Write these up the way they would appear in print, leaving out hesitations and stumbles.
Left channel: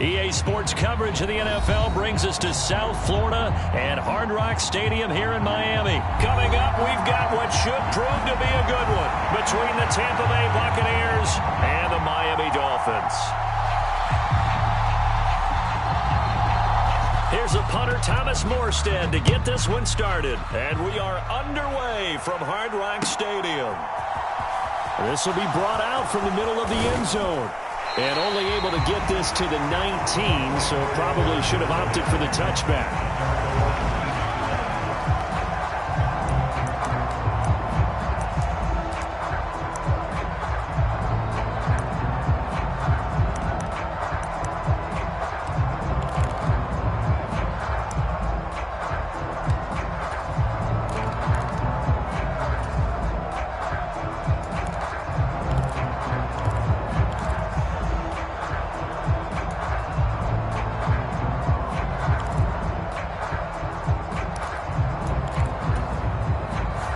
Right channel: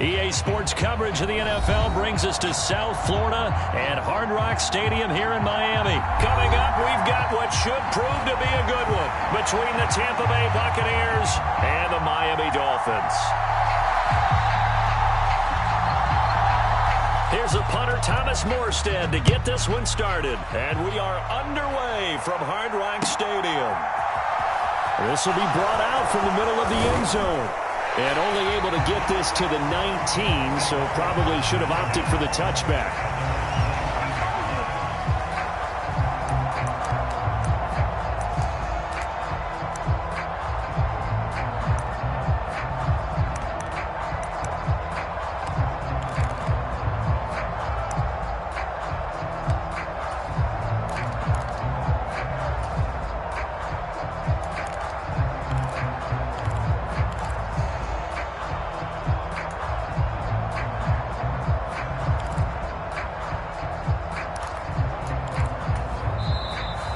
EA Sports coverage of the NFL brings us to South Florida and Hard Rock Stadium here in Miami. Coming up, we've got what should prove to be a good one between the Tampa Bay Buccaneers and the Miami Dolphins. Here's a punter, Thomas Morstead, to get this one started. And we are underway from Hard Rock Stadium. This will be brought out from the middle of the end zone. And only able to get this to the 19, so probably should have opted for the touchback.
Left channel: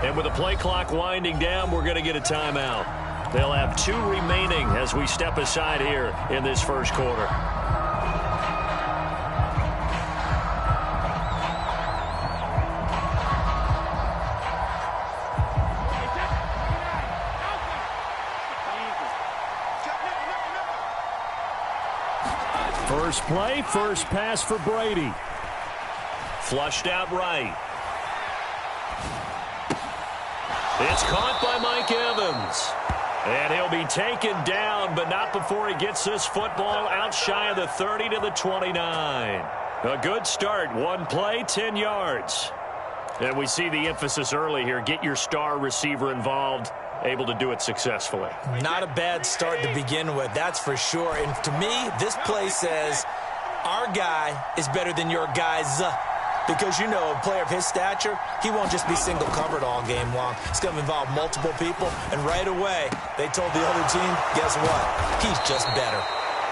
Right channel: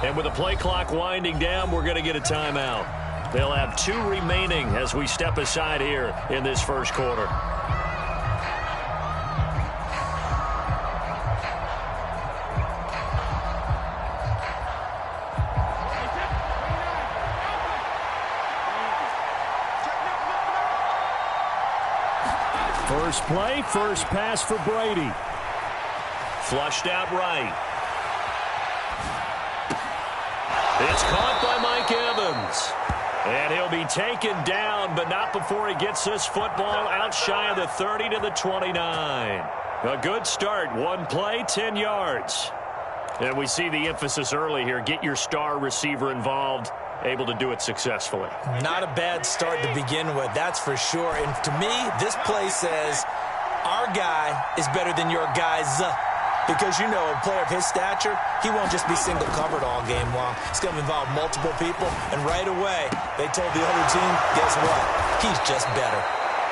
And with the play clock winding down, we're going to get a timeout. They'll have 2 remaining as we step aside here in this first quarter. First play, first pass for Brady. Flushed out right. It's caught by Mike Evans. And he'll be taken down, but not before he gets this football out shy of the 30 to the 29. A good start. 1 play, 10 yards. And we see the emphasis early here. Get your star receiver involved. Able to do it successfully. Not a bad start to begin with, that's for sure. And to me, this play says our guy is better than your guys. Because, you know, a player of his stature, he won't just be single covered all game long. It's going to involve multiple people. And right away, they told the other team, guess what? He's just better.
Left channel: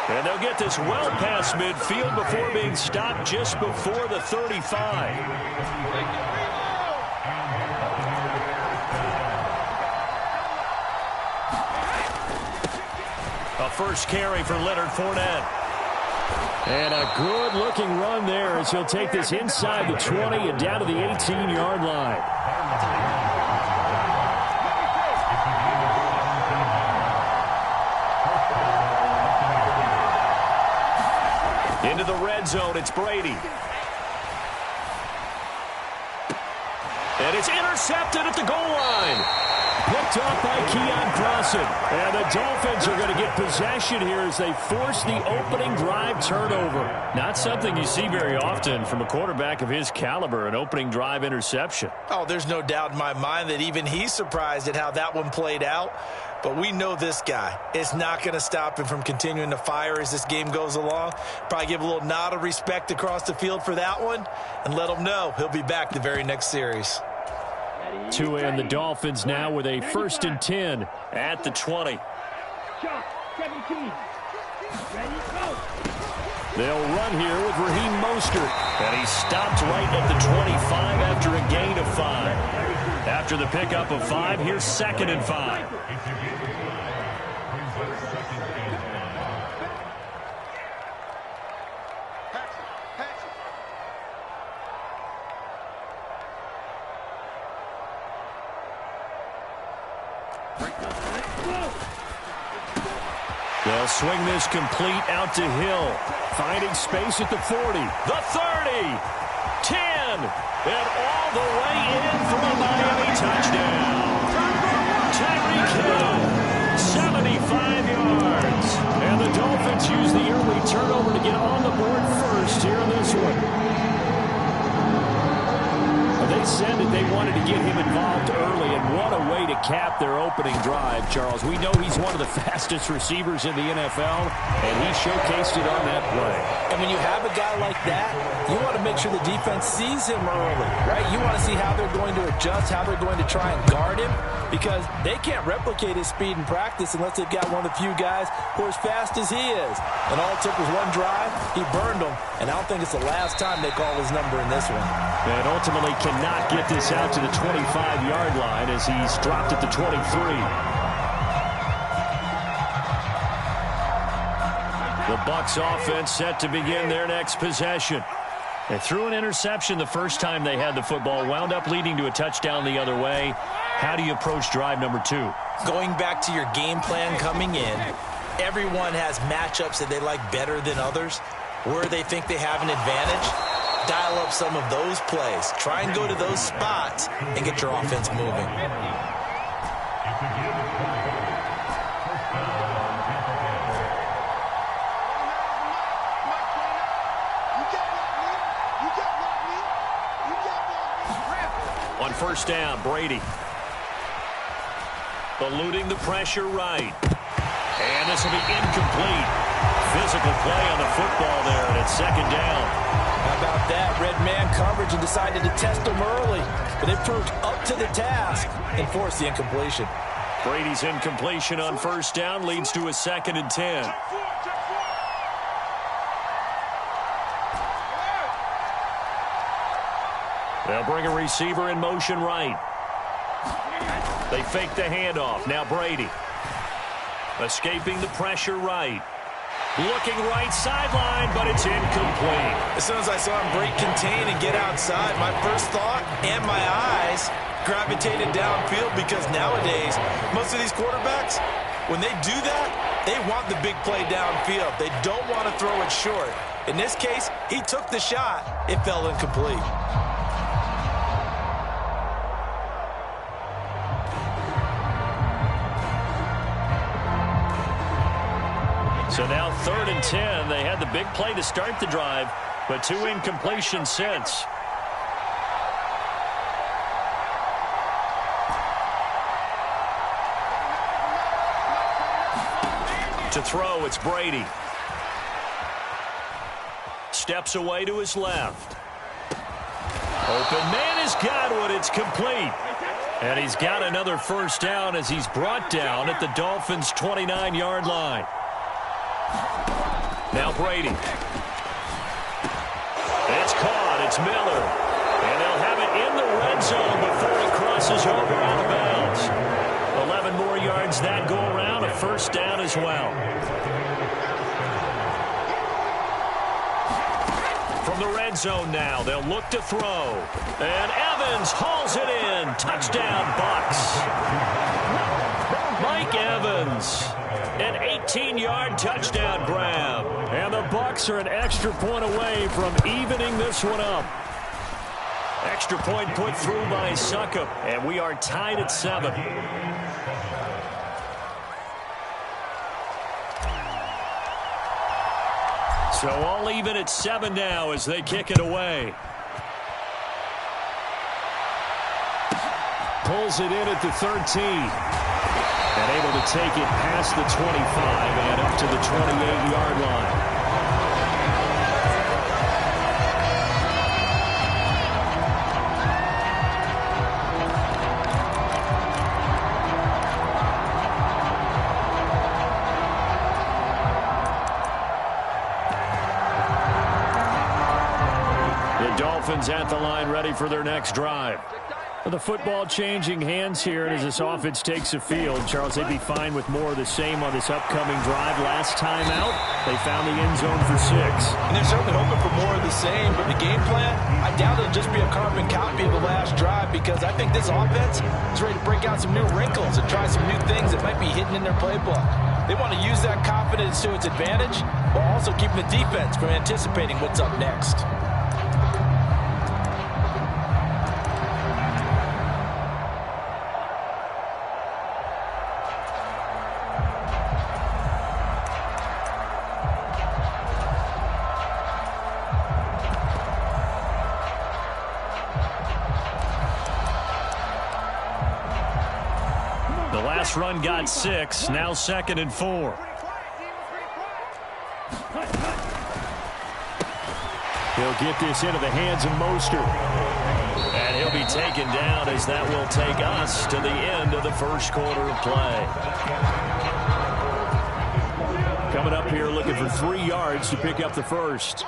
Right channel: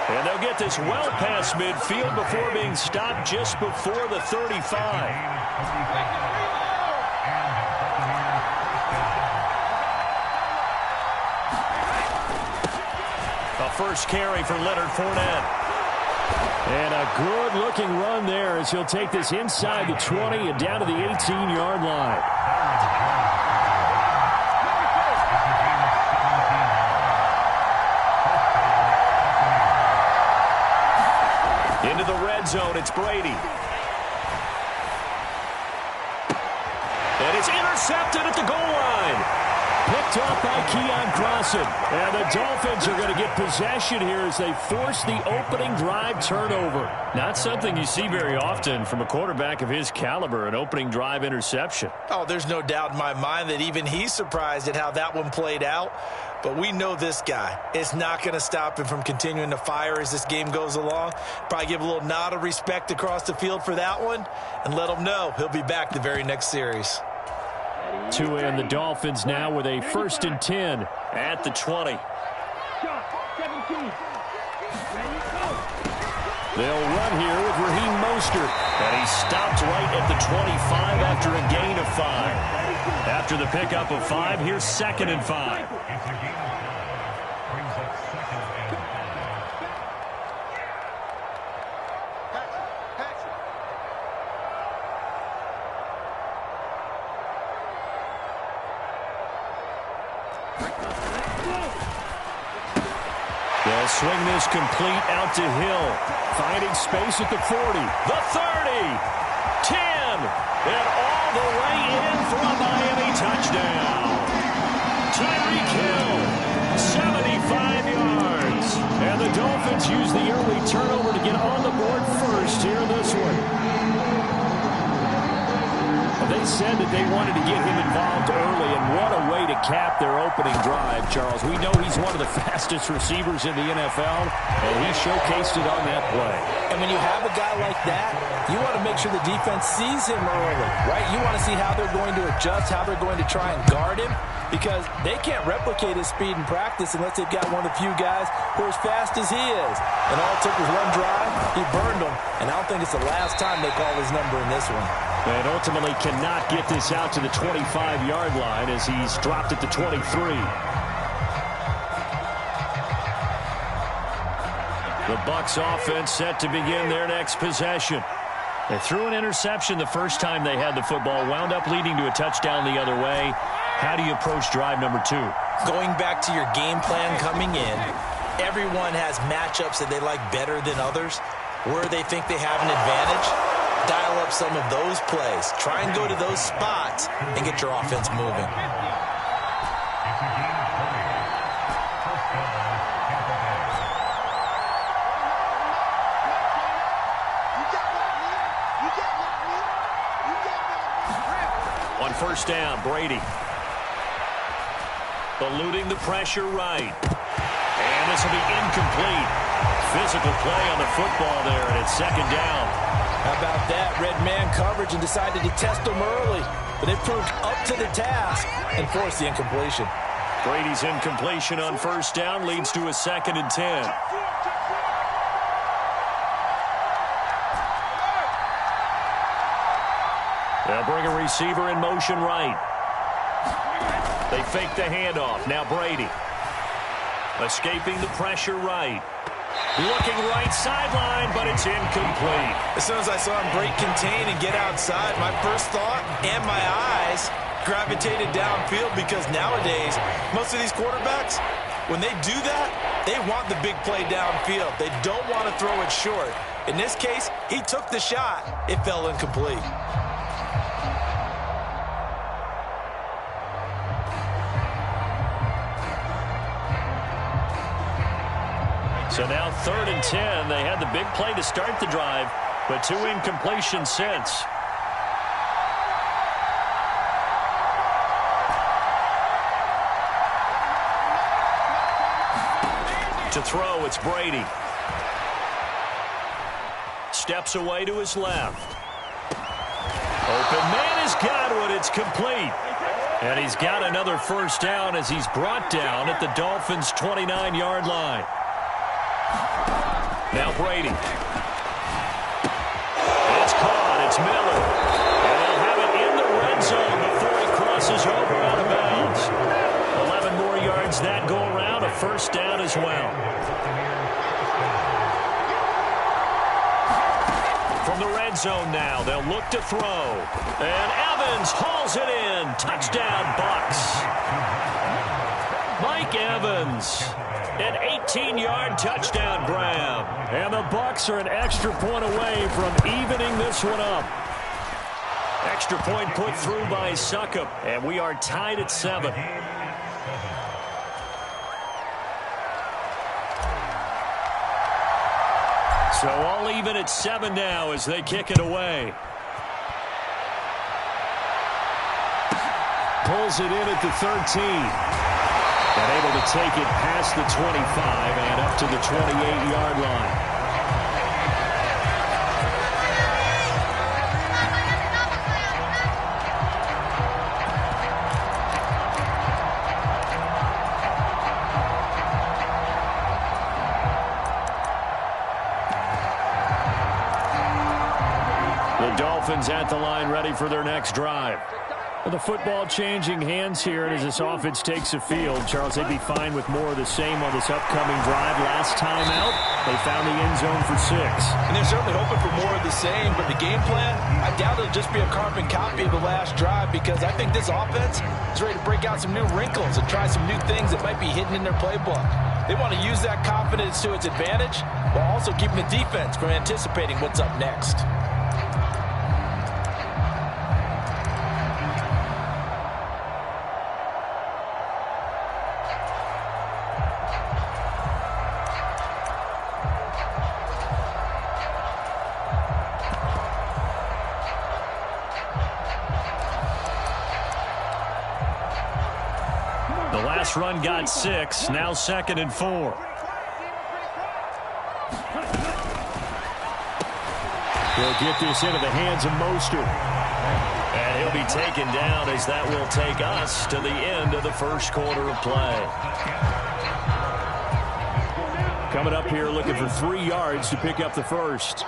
And they'll get this well past midfield before being stopped just before the 35. A first carry for Leonard Fournette. And a good-looking run there as he'll take this inside the 20 and down to the 18-yard line. Into the red zone, it's Brady. And it's intercepted at the goal line. Picked off by Keon Crossan. And the Dolphins are going to get possession here as they force the opening drive turnover. Not something you see very often from a quarterback of his caliber, an opening drive interception. Oh, there's no doubt in my mind that even he's surprised at how that one played out. But we know this guy. It's not going to stop him from continuing to fire as this game goes along. Probably give a little nod of respect across the field for that one and let him know he'll be back the very next series. Tua and the Dolphins now with a 1st and 10 at the 20. They'll run here with Raheem Mostert. And he stopped right at the 25 after a gain of 5. After the pickup of 5, here's 2nd and 5. They'll swing this complete out to Hill. Finding space at the 40. The 30. 10. And all the way in for a Miami touchdown. Tyreek Hill. 75 yards. And the Dolphins use the early turnover to get on the board first here in this one. They said that they wanted to get him involved early, and what a way to cap their opening drive, Charles. We know he's one of the fastest receivers in the NFL, and he showcased it on that play. And when you have a guy like that, you want to make sure the defense sees him early, right? You want to see how they're going to adjust, how they're going to try and guard him, because they can't replicate his speed in practice unless they've got one of the few guys who are as fast as he is. And all it took was one drive. He burned them, and I don't think it's the last time they call his number in this one. And ultimately cannot get this out to the 25-yard line as he's dropped at the 23. The Bucs offense set to begin their next possession. They threw an interception the first time they had the football, wound up leading to a touchdown the other way. How do you approach drive number 2? Going back to your game plan coming in, everyone has matchups that they like better than others. Where they think they have an advantage, dial up some of those plays. Try and go to those spots and get your offense moving. On first down, Brady. Eluding the pressure right. And this will be incomplete. Physical play on the football there, and it's second down. How about that? Red man coverage and decided to test them early. But they proved up to the task and forced the incompletion. Brady's incompletion on first down leads to a 2nd and 10. They'll bring a receiver in motion right. They fake the handoff. Now Brady. Escaping the pressure right. Looking right sideline, but it's incomplete. As soon as I saw him break contain and get outside, my first thought and my eyes gravitated downfield, because nowadays, most of these quarterbacks, when they do that, they want the big play downfield. They don't want to throw it short. In this case, he took the shot. It fell incomplete. So now 3rd and 10. They had the big play to start the drive, but 2 incompletions since. To throw, it's Brady. Steps away to his left. Open man has got one. It's complete. And he's got another first down as he's brought down at the Dolphins' 29-yard line. Now Brady. It's caught. It's Miller. And they'll have it in the red zone before he crosses over out of bounds. 11 more yards that go around. A first down as well. From the red zone now, they'll look to throw. And Evans hauls it in. Touchdown, Bucs. Mike Evans. An 18-yard touchdown grab. And the Bucs are an extra point away from evening this one up. Extra point put through by Succop. And we are tied at 7. So all even at 7 now as they kick it away. Pulls it in at the 13. And able to take it past the 25 and up to the 28-yard line. The Dolphins at the line, ready for their next drive. The football changing hands here, and as this offense takes the field, Charles, they'd be fine with more of the same on this upcoming drive. Last time out, they found the end zone for 6. And they're certainly hoping for more of the same, but the game plan, I doubt it'll just be a carbon copy of the last drive, because I think this offense is ready to break out some new wrinkles and try some new things that might be hidden in their playbook. They want to use that confidence to its advantage while also keeping the defense from anticipating what's up next. The last run got 6, now 2nd and 4. He'll get this into the hands of Mostert. And he'll be taken down as that will take us to the end of the first quarter of play. Coming up here looking for 3 yards to pick up the first.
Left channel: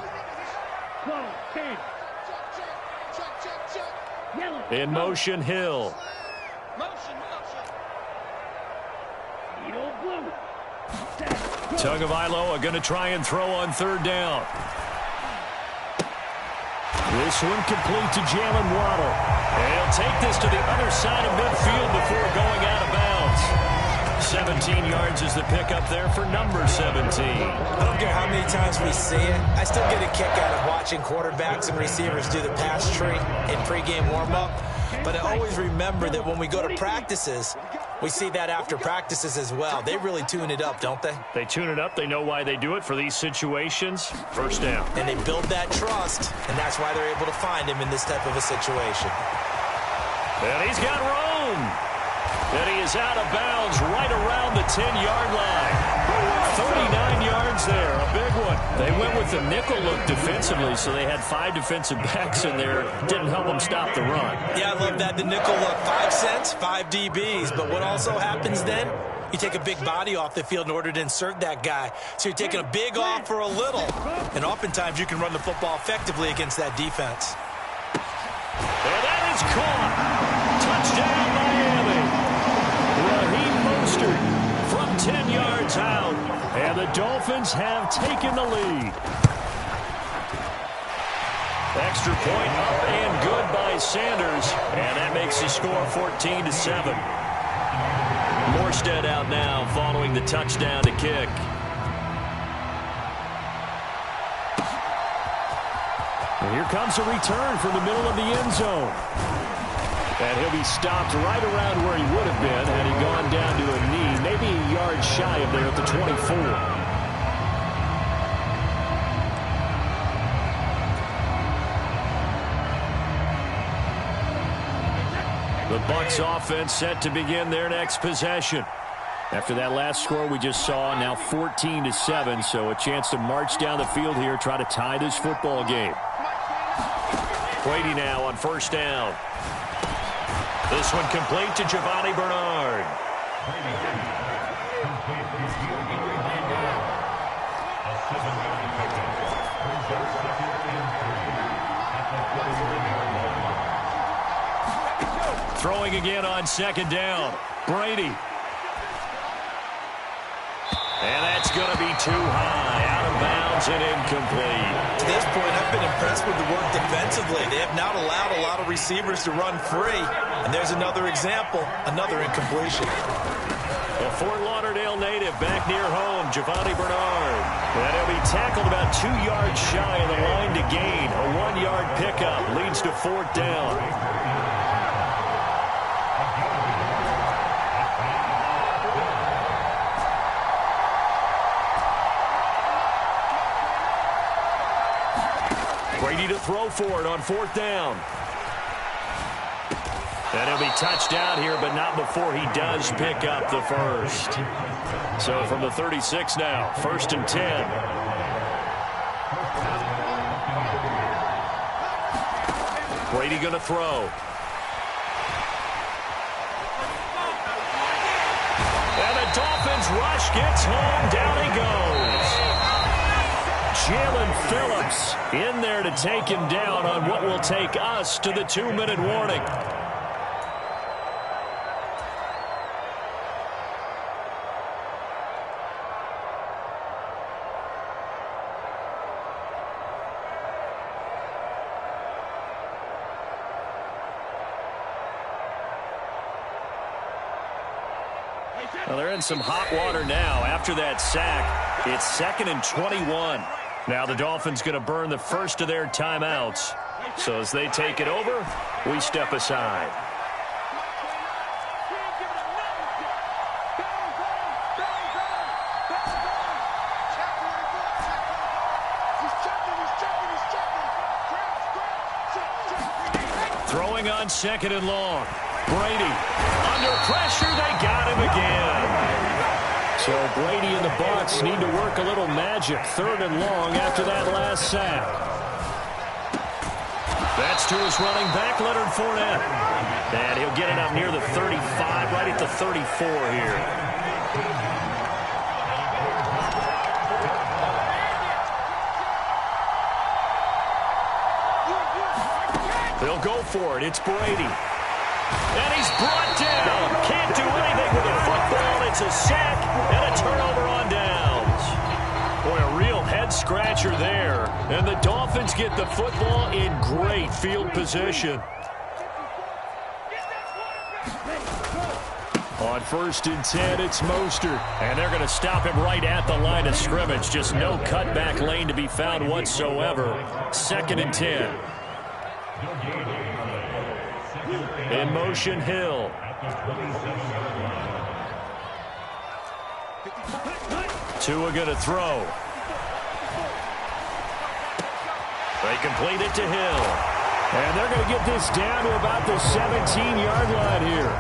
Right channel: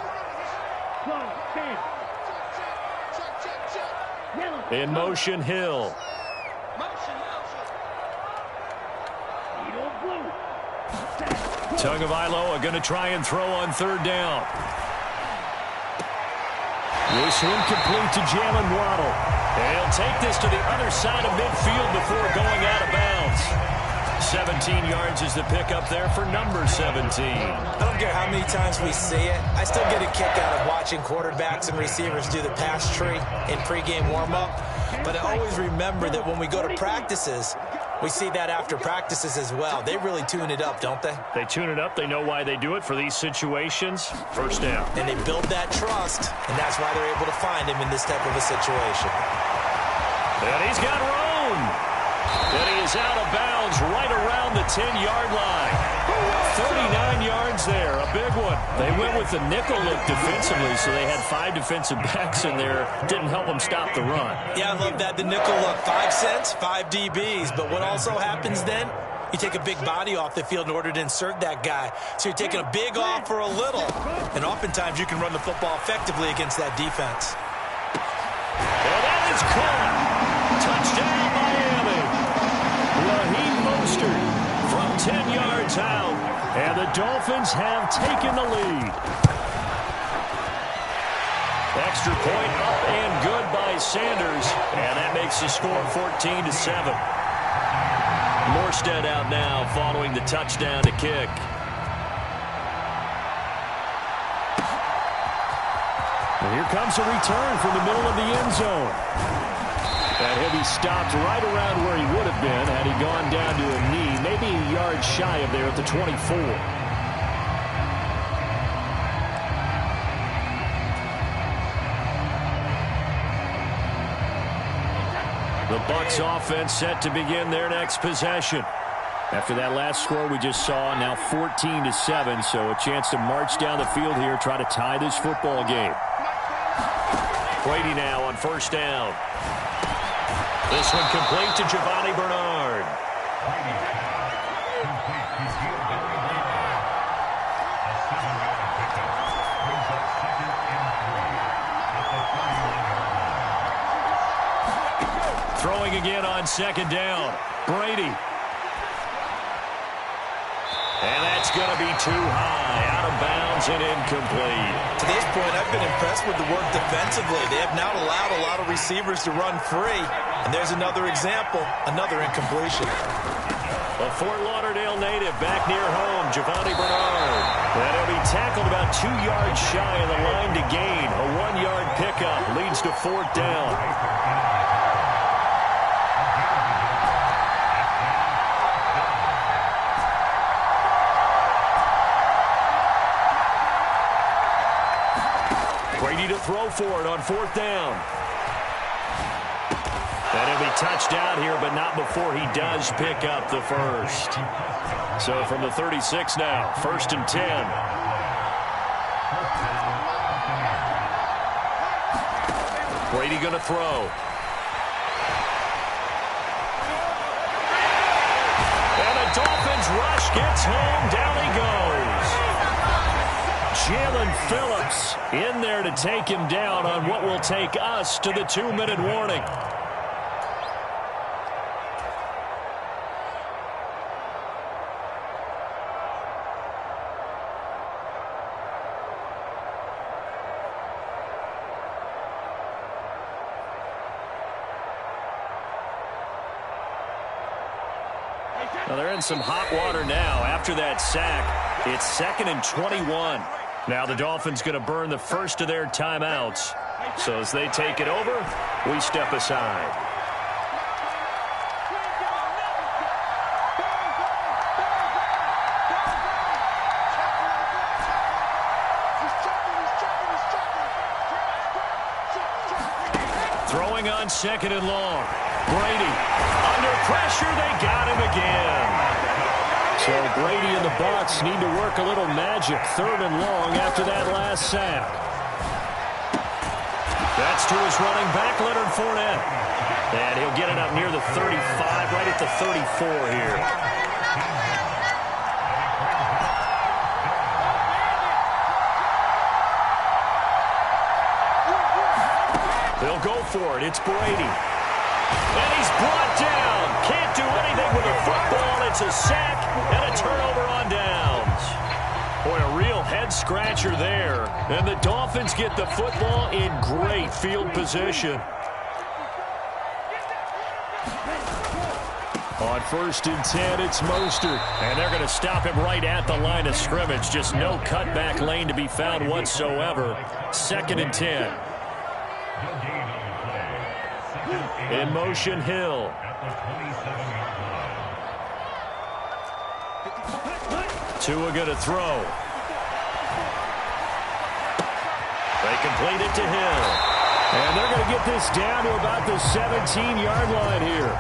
In motion, Hill. Tagovailoa going to try and throw on third down. This one complete to Jalen Waddle. And he'll take this to the other side of midfield before going out of bounds. 17 yards is the pickup there for number 17. I don't care how many times we see it. I still get a kick out of watching quarterbacks and receivers do the pass tree in pregame warm-up. But I always remember that when we go to practices, we see that after practices as well. They really tune it up, don't they? They tune it up. They know why they do it for these situations. First down. And they build that trust, and that's why they're able to find him in this type of a situation. And he's got room. And he is out of bounds right around the 10-yard line. 39 yards there, a big one. They went with the nickel look defensively, so they had 5 defensive backs in there. Didn't help them stop the run. Yeah, I love that, the nickel look. 5 cents, 5 DBs. But what also happens then? You take a big body off the field in order to insert that guy. So you're taking a big off for a little. And oftentimes you can run the football effectively against that defense. And that is caught. Touchdown, Miami. Raheem Mostert from 10 yards out. And the Dolphins have taken the lead. Extra point up and good by Sanders. And that makes the score 14-7. Morstead out now following the touchdown to kick. And here comes a return from the middle of the end zone. And he'll be stopped right around where he would have been had he gone down to a knee, maybe a yard shy of there at the 24. The Bucs offense set to begin their next possession. After that last score we just saw, now 14-7, so a chance to march down the field here, try to tie this football game. Brady now on first down. This one complete to Giovanni Bernard. Throwing again on second down. Brady. And that's going to be too high, out of bounds and incomplete. To this point, I've been impressed with the work defensively. They have not allowed a lot of receivers to run free. And there's another example, another incompletion. A Fort Lauderdale native back near home, Giovanni Bernard. And he'll be tackled about 2 yards shy of the line to gain. A 1-yard pickup leads to fourth down. Brady to throw for it on fourth down. And he'll be touched out here, but not before he does pick up the first. So from the 36 now, first and 10. Brady going to throw. And the Dolphins rush gets home. Down he goes. Jalen Phillips in there to take him down on what will take us to the 2-minute warning. Well, they're in some hot water now after that sack. It's 2nd and 21. Now the Dolphins going to burn the first of their timeouts. So as they take it over, we step aside. Throwing on 2nd and long. Brady under pressure. They got him again. So Brady and the Bucs need to work a little magic. 3rd and long after that last sack. That's to his running back, Leonard Fournette. And he'll get it up near the 35, right at the 34 here. They'll go for it. It's Brady. And he's brought down. Can't do anything with a football. It's a sack and a turnover on downs. Boy, a real head-scratcher there. And the Dolphins get the football in great field position. On 1st and 10, it's Mostert. And they're going to stop him right at the line of scrimmage. Just no cutback lane to be found whatsoever. 2nd and 10. In motion, Hill. Tua going to throw. They complete it to Hill. And they're going to get this down to about the 17-yard line here.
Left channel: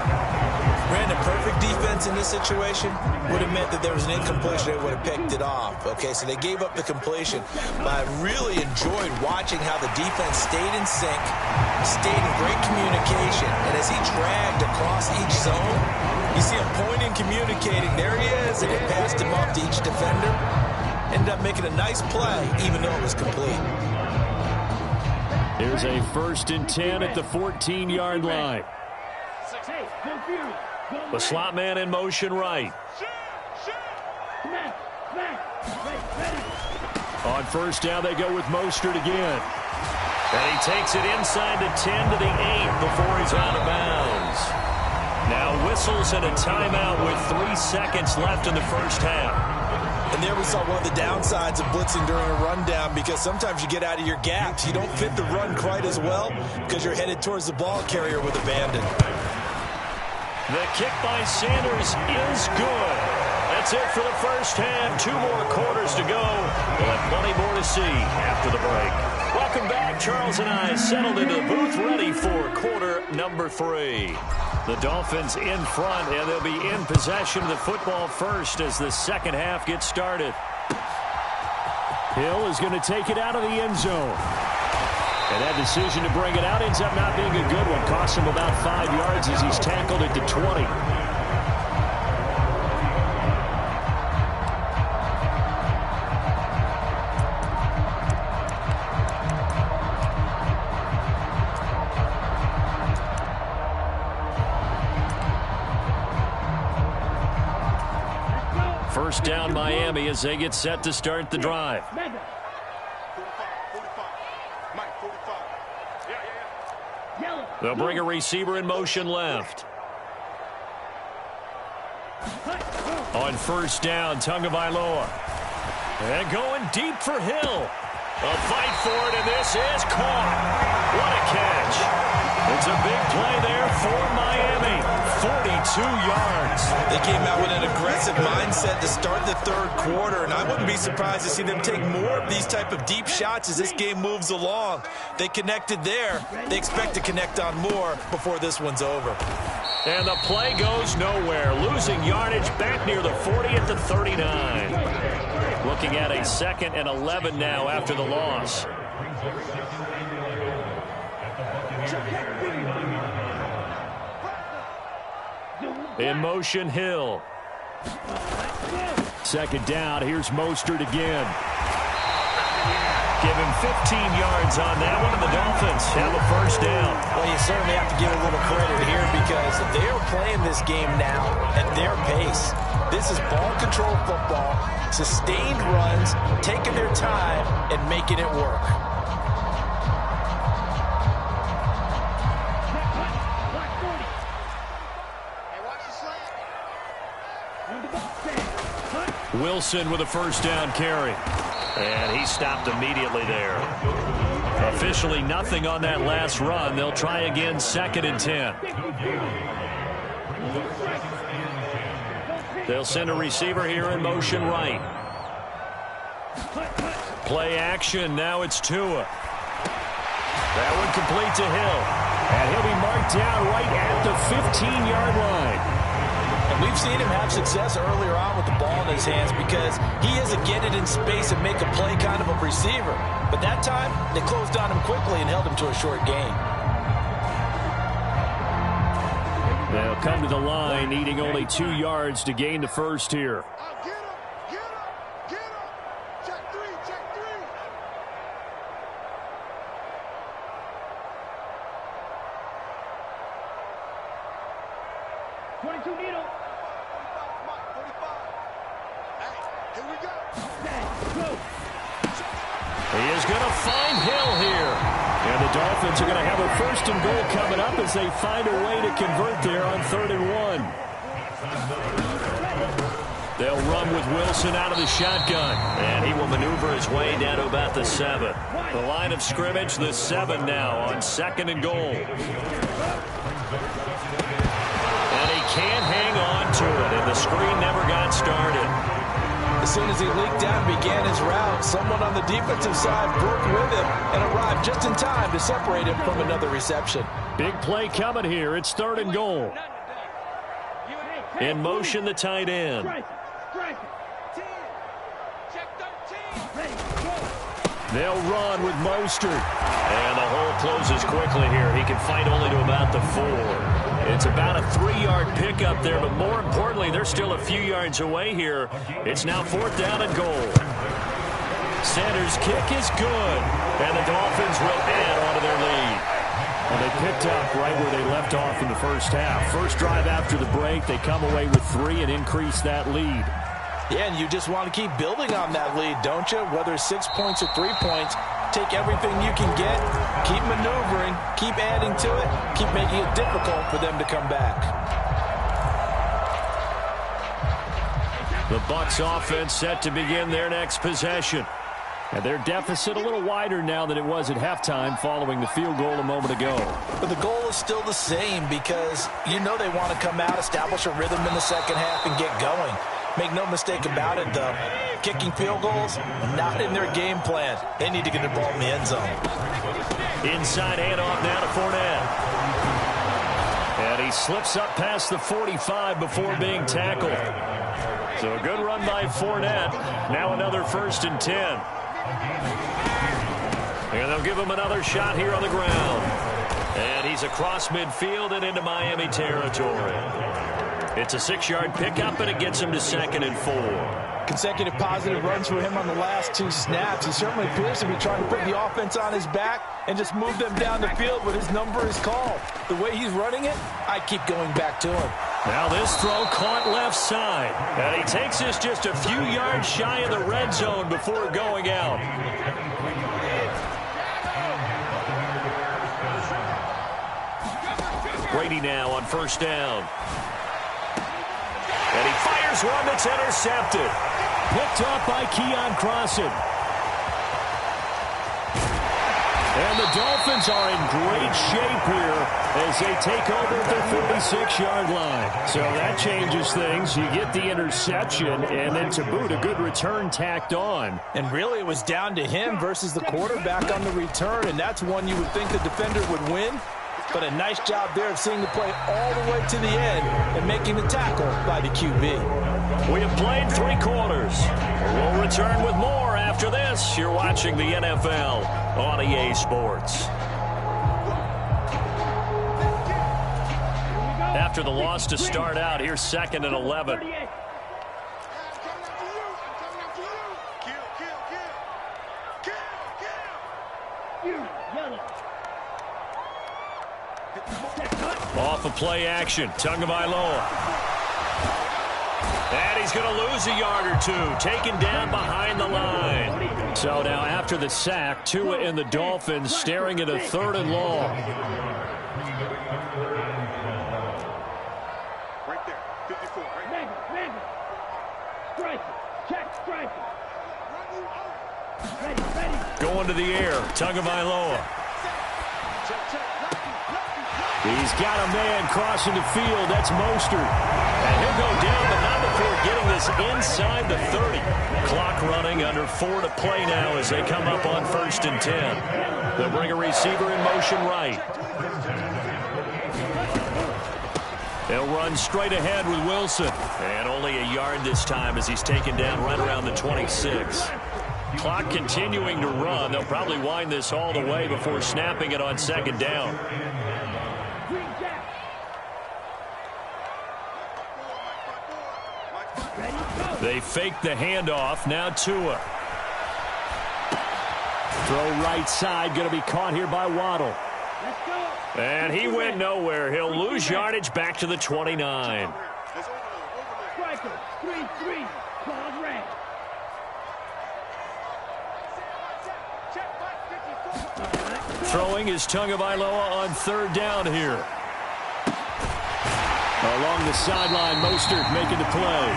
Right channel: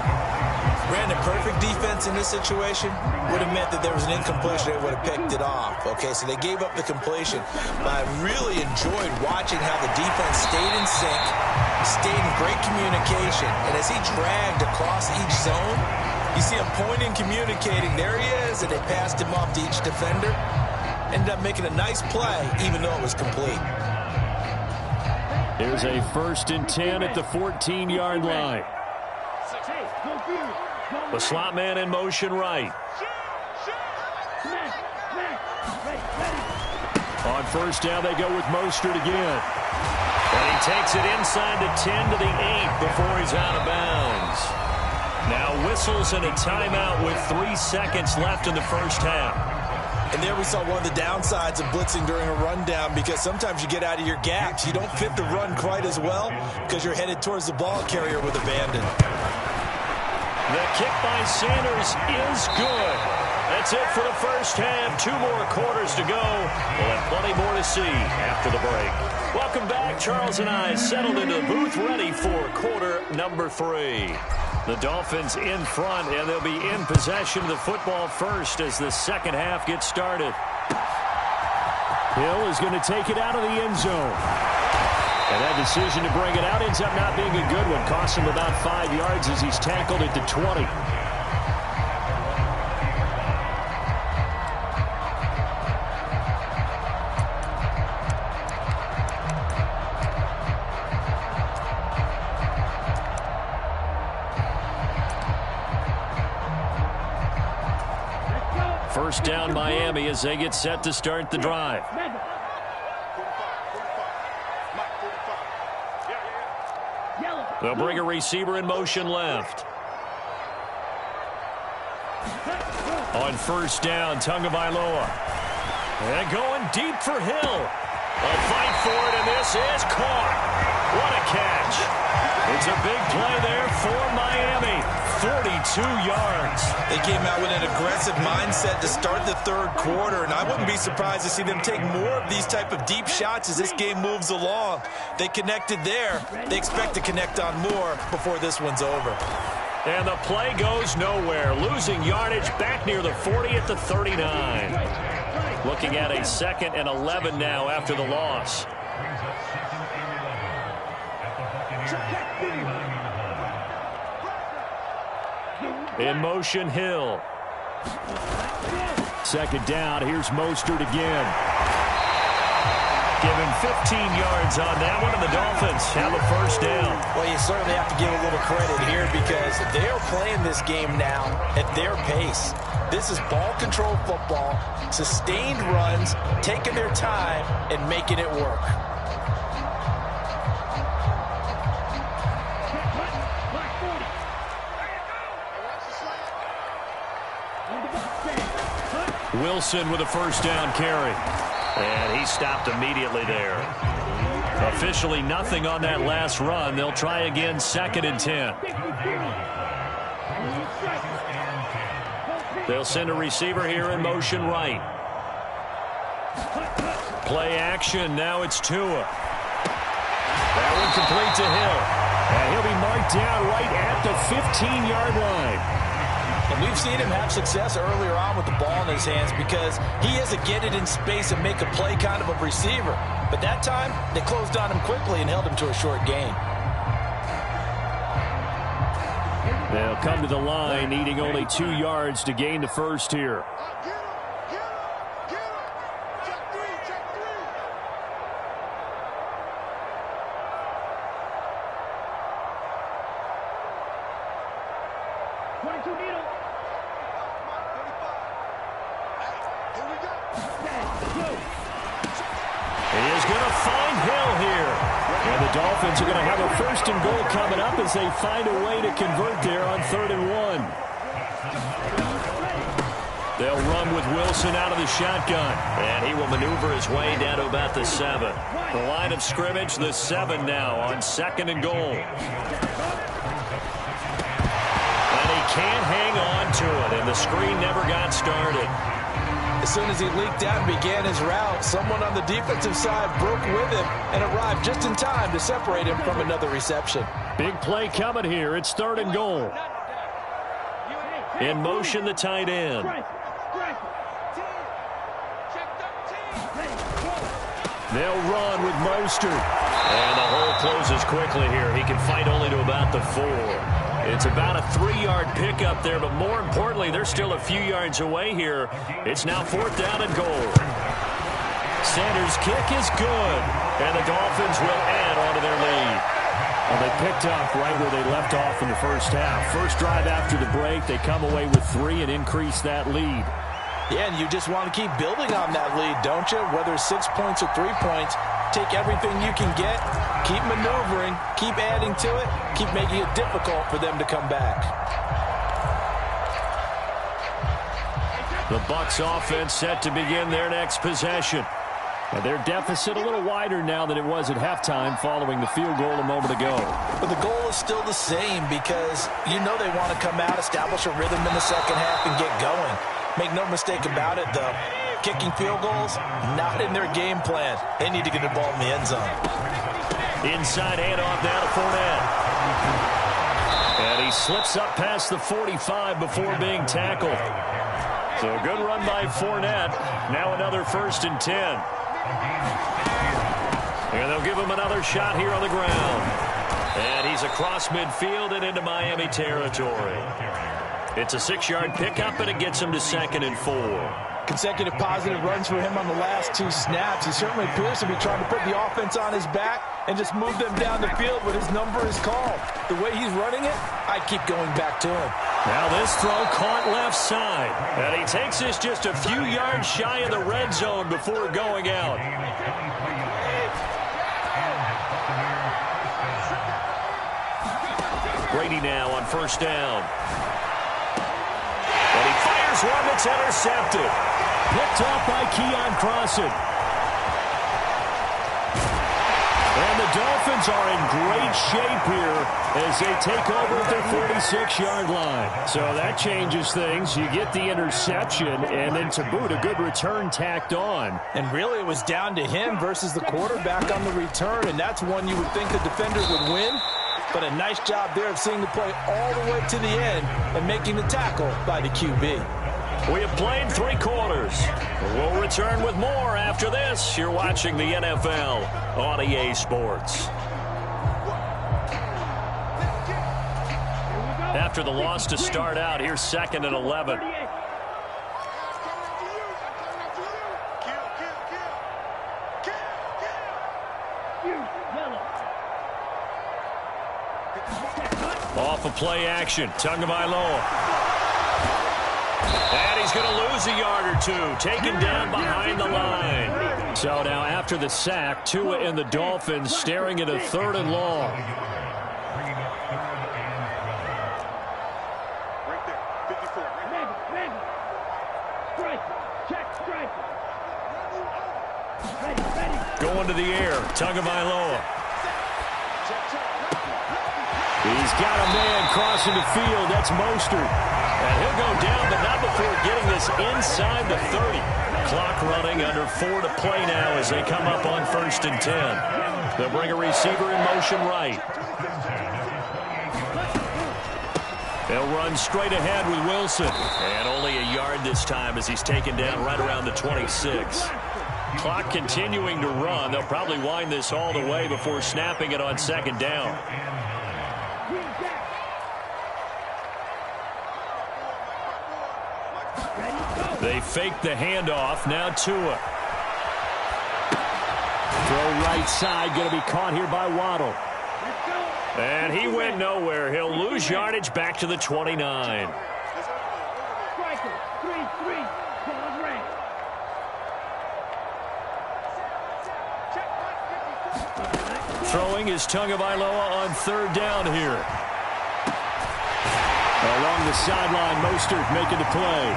Brandon, perfect defense in this situation would have meant that there was an incompletion. They would have picked it off. Okay, so they gave up the completion. But I really enjoyed watching how the defense stayed in sync, stayed in great communication. And as he dragged across each zone, you see him pointing, communicating. There he is, and they passed him off to each defender. Ended up making a nice play, even though it was complete. Here's a 1st and 10 at the 14-yard line. The slot man in motion right. On 1st down, they go with Mostert again. And he takes it inside the 10 to the 8 before he's out of bounds. Now whistles and a timeout with 3 seconds left in the first half. And there we saw one of the downsides of blitzing during a rundown, because sometimes you get out of your gaps. You don't fit the run quite as well because you're headed towards the ball carrier with abandon. The kick by Sanders is good. That's it for the first half. 2 more quarters to go. We'll have plenty more to see after the break. Welcome back. Charles and I settled into the booth, ready for quarter number 3. The Dolphins in front, and they'll be in possession of the football first as the second half gets started. Hill is going to take it out of the end zone. And that decision to bring it out ends up not being a good one. Costs him about 5 yards as he's tackled at the 20. First down, Miami, as they get set to start the drive. They'll bring a receiver in motion left. On 1st down, Tagovailoa. And going deep for Hill. A fight for it, and this is caught. What a catch. It's a big play there for Miami. 42 yards. They came out with an aggressive mindset to start the third quarter, and I wouldn't be surprised to see them take more of these type of deep shots as this game moves along. They connected there. They expect to connect on more before this one's over. And the play goes nowhere. Losing yardage back near the 40 at the 39. Looking at a 2nd and 11 now after the loss. In motion, Hill. 2nd down. Here's Mostert again. Give him 15 yards on that one, and the Dolphins have a first down. Well, you certainly have to give a little credit here because they are playing this game now at their pace. This is ball control football, sustained runs, taking their time, and making it work. Wilson with a first down carry. And he stopped immediately there. Officially nothing on that last run. They'll try again, 2nd and 10. They'll send a receiver here in motion right. Play action. Now it's Tua. That one complete to Hill. And he'll be marked down right at the 15-yard line. And we've seen him have success earlier on with the ball in his hands because he is a get it in space and make a play kind of a receiver. But that time, they closed on him quickly and held him to a short gain. They'll come to the line, needing only 2 yards to gain the first here. is going to find Hill here. And the Dolphins are going to have a 1st and goal coming up as they find a way to convert there on 3rd and 1. They'll run with Wilson out of the shotgun. And he will maneuver his way down to about the 7. The line of scrimmage, the 7 now on 2nd and goal. And he can't hang on to it, and the screen never got started. As soon as he leaked out and began his route, someone on the defensive side broke with him and arrived just in time to separate him from another reception. Big play coming here. It's 3rd and goal. In motion, the tight end. They'll run with Mostert. And the hole closes quickly here. He can fight only to about the 4. It's about a 3-yard pickup there, but more importantly, they're still a few yards away here. It's now 4th down and goal. Sanders' kick is good, and the Dolphins will add on to their lead. Well, they picked up right where they left off in the first half. First drive after the break, they come away with 3 and increase that lead. Yeah, and you just want to keep building on that lead, don't you? Whether it's 6 points or 3 points, take everything you can get, keep maneuvering, keep adding to it, keep making it difficult for them to come back. The Bucs offense set to begin their next possession. And their deficit a little wider now than it was at halftime following the field goal a moment ago. But the goal is still the same because you know they want to come out, establish a rhythm in the second half, and get going. Make no mistake about it, though. Kicking field goals, not in their game plan. They need to get the ball in the end zone. Inside handoff now to Fournette. And he slips up past the 45 before being tackled. So a good run by Fournette. Now another 1st and 10. And they'll give him another shot here on the ground. And he's across midfield and into Miami territory. It's a 6-yard pickup, and it gets him to 2nd and 4. Consecutive positive runs for him on the last 2 snaps. He certainly appears to be trying to put the offense on his back and just move them down the field when his number is called. The way he's running it, I'd keep going back to him. Now this throw caught left side. And he takes this just a few yards shy of the red zone before going out. Brady now on 1st down. And he fires one that's intercepted. Picked off by Keon Crossan. And the Dolphins are in great shape here as they take over at their 46-yard line. So that changes things. You get the interception, and then to boot, a good return tacked on. And really, it was down to him versus the quarterback on the return, and that's one you would think the defender would win. But a nice job there of seeing the play all the way to the end and making the tackle by the QB. We have played 3 quarters. We'll return with more after this. You're watching the NFL on EA Sports. After the loss to start out, here's 2nd and 11. Off of play action, Tagovailoa. And he's going to lose a yard or 2, taken down behind the line. So now after the sack, Tua and the Dolphins staring at a 3rd and long. Right there, 54, right there. Striker, check, striker. Ready. Going to the air, Tagovailoa. He's got a man crossing the field. That's Mostert. And he'll go down, but not before getting this inside the 30. Clock running, under 4 to play now as they come up on 1st and 10. They'll bring a receiver in motion right. They'll run straight ahead with Wilson. And only a yard this time as he's taken down right around the 26. Clock continuing to run. They'll probably wind this all the way before snapping it on 2nd down. They fake the handoff. Now Tua. Throw right side. Going to be caught here by Waddle. And he went nowhere. He'll lose yardage back to the 29. Striker, 3-3. Pause red. Throwing is Tagovailoa on third down here. Along the sideline, Mostert making the play.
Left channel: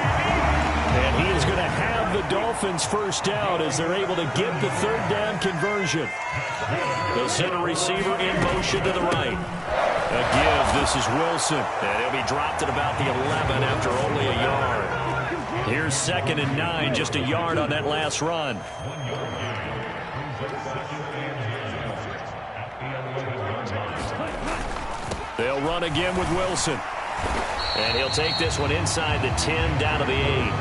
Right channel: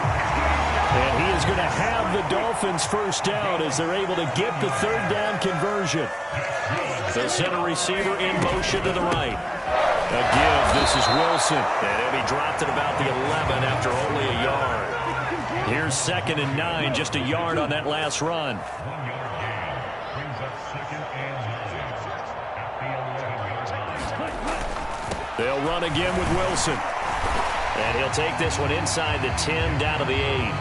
And he is going to have the Dolphins first down as they're able to get the third down conversion. They'll send a receiver in motion to the right. A give, this is Wilson. And he'll be dropped at about the 11 after only a yard. Here's 2nd and 9, just a yard on that last run. They'll run again with Wilson. And he'll take this one inside the 10 down to the 8.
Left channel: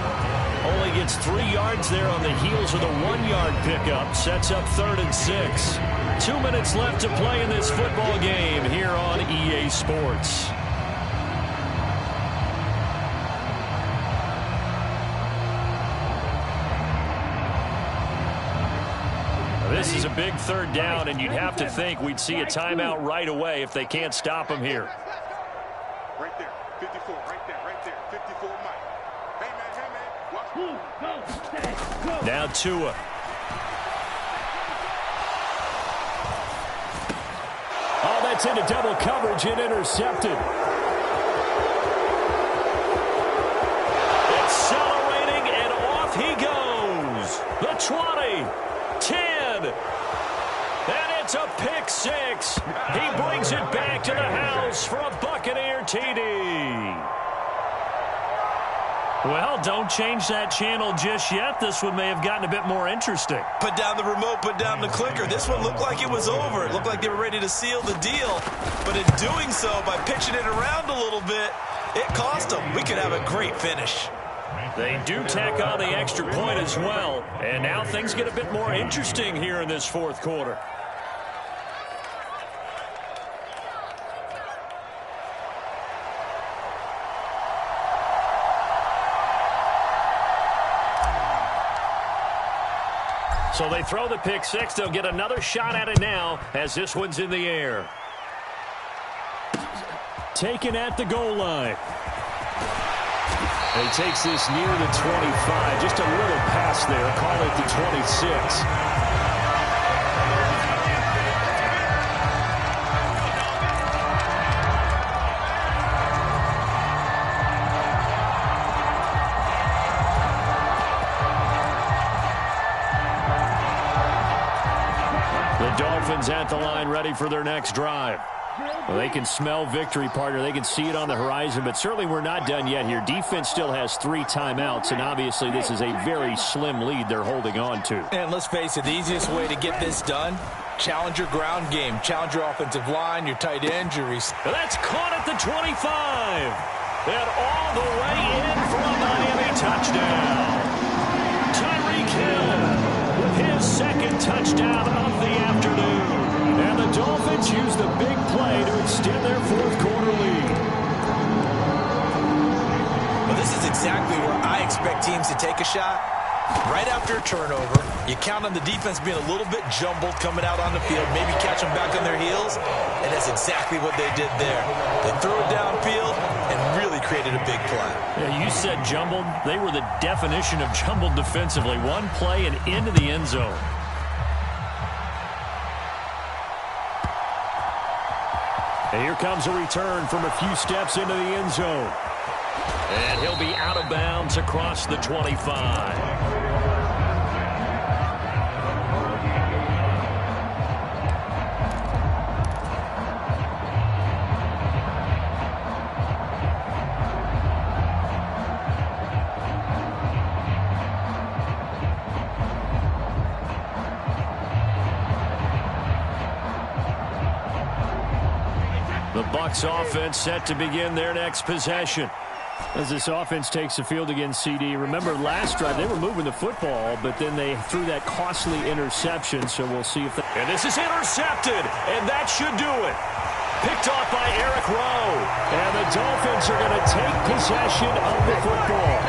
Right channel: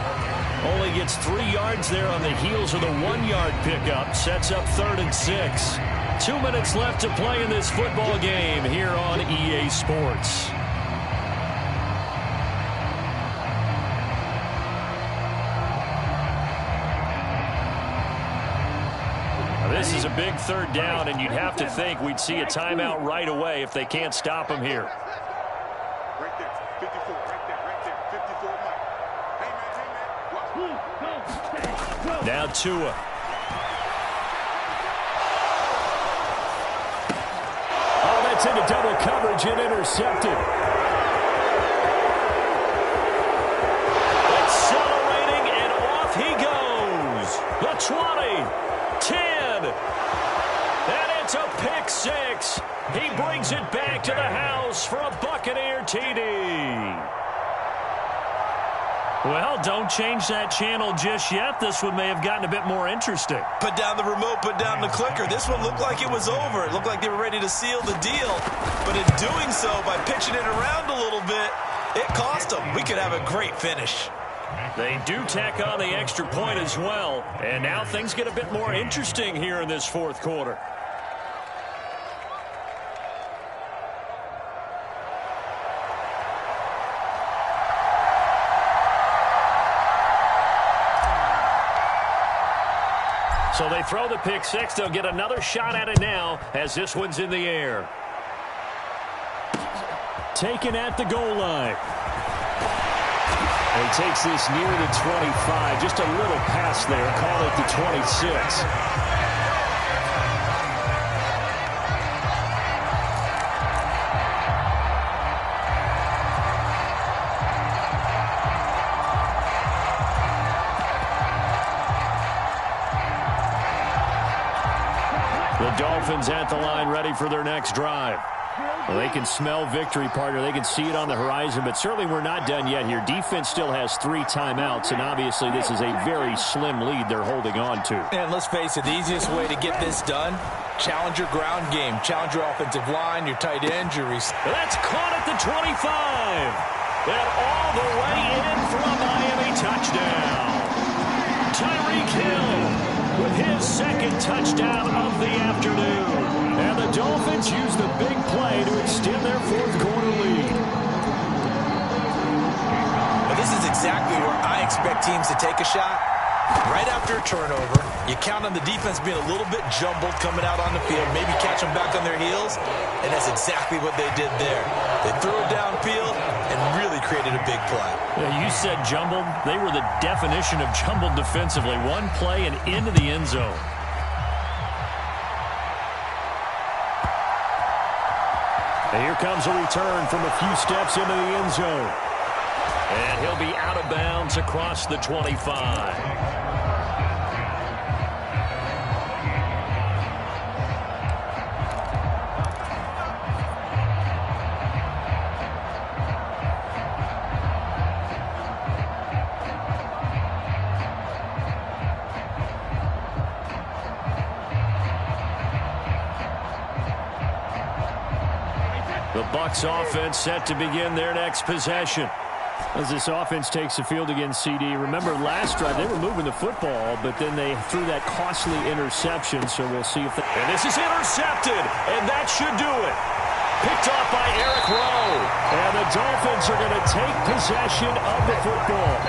Only gets 3 yards there on the heels of the 1-yard pickup. Sets up 3rd and 6. 2 minutes left to play in this football game here on EA Sports. This is a big third down, and you'd have to think we'd see a timeout right away if they can't stop him here. Right there, 54, right there, 54, Mike. Hey, man, watch. Go, now Tua. Oh, that's into double coverage and intercepted. Accelerating, and off he goes. The 20, 10, and it's a pick 6. He brings it back to the house for a Buccaneer TD. Well, don't change that channel just yet. This one may have gotten a bit more interesting. Put down the remote, put down the clicker. This one looked like it was over. It looked like they were ready to seal the deal. But in doing so, by pitching it around a little bit, it cost them. We could have a great finish. They do tack on the extra point as well. And now things get a bit more interesting here in this fourth quarter. So they throw the pick 6. They'll get another shot at it now as this one's in the air. Taken at the goal line. And he takes this near the 25. Just a little pass there. Call it the 26. The Dolphins at the line ready for their next drive. Well, they can smell victory, partner. They can see it on the horizon, but certainly we're not done yet here. Defense still has 3 timeouts, and obviously this is a very slim lead they're holding on to. And let's face it, the easiest way to get this done, challenge your ground game. Challenge your offensive line, your tight ends, your receivers. That's caught at the 25. And all the way in for a Miami touchdown. Tyreek Hill with his 2nd touchdown of the afternoon. And the Dolphins use the big play to extend their fourth quarter lead. Well, this is exactly where I expect teams to take a shot. Right after a turnover, you count on the defense being a little bit jumbled coming out on the field, maybe catch them back on their heels, and that's exactly what they did there. They threw it downfield and really created a big play. Yeah, you said jumbled. They were the definition of jumbled defensively. One play and into the end zone. And here comes a return from a few steps into the end zone. And he'll be out of bounds across the 25. The Bucs offense set to begin their next possession. As this offense takes the field against CD, remember last drive they were moving the football, but then they threw that costly interception, so we'll see if they... And this is intercepted, and that should do it. Picked off by Eric Rowe. And the Dolphins are going to take possession of the football.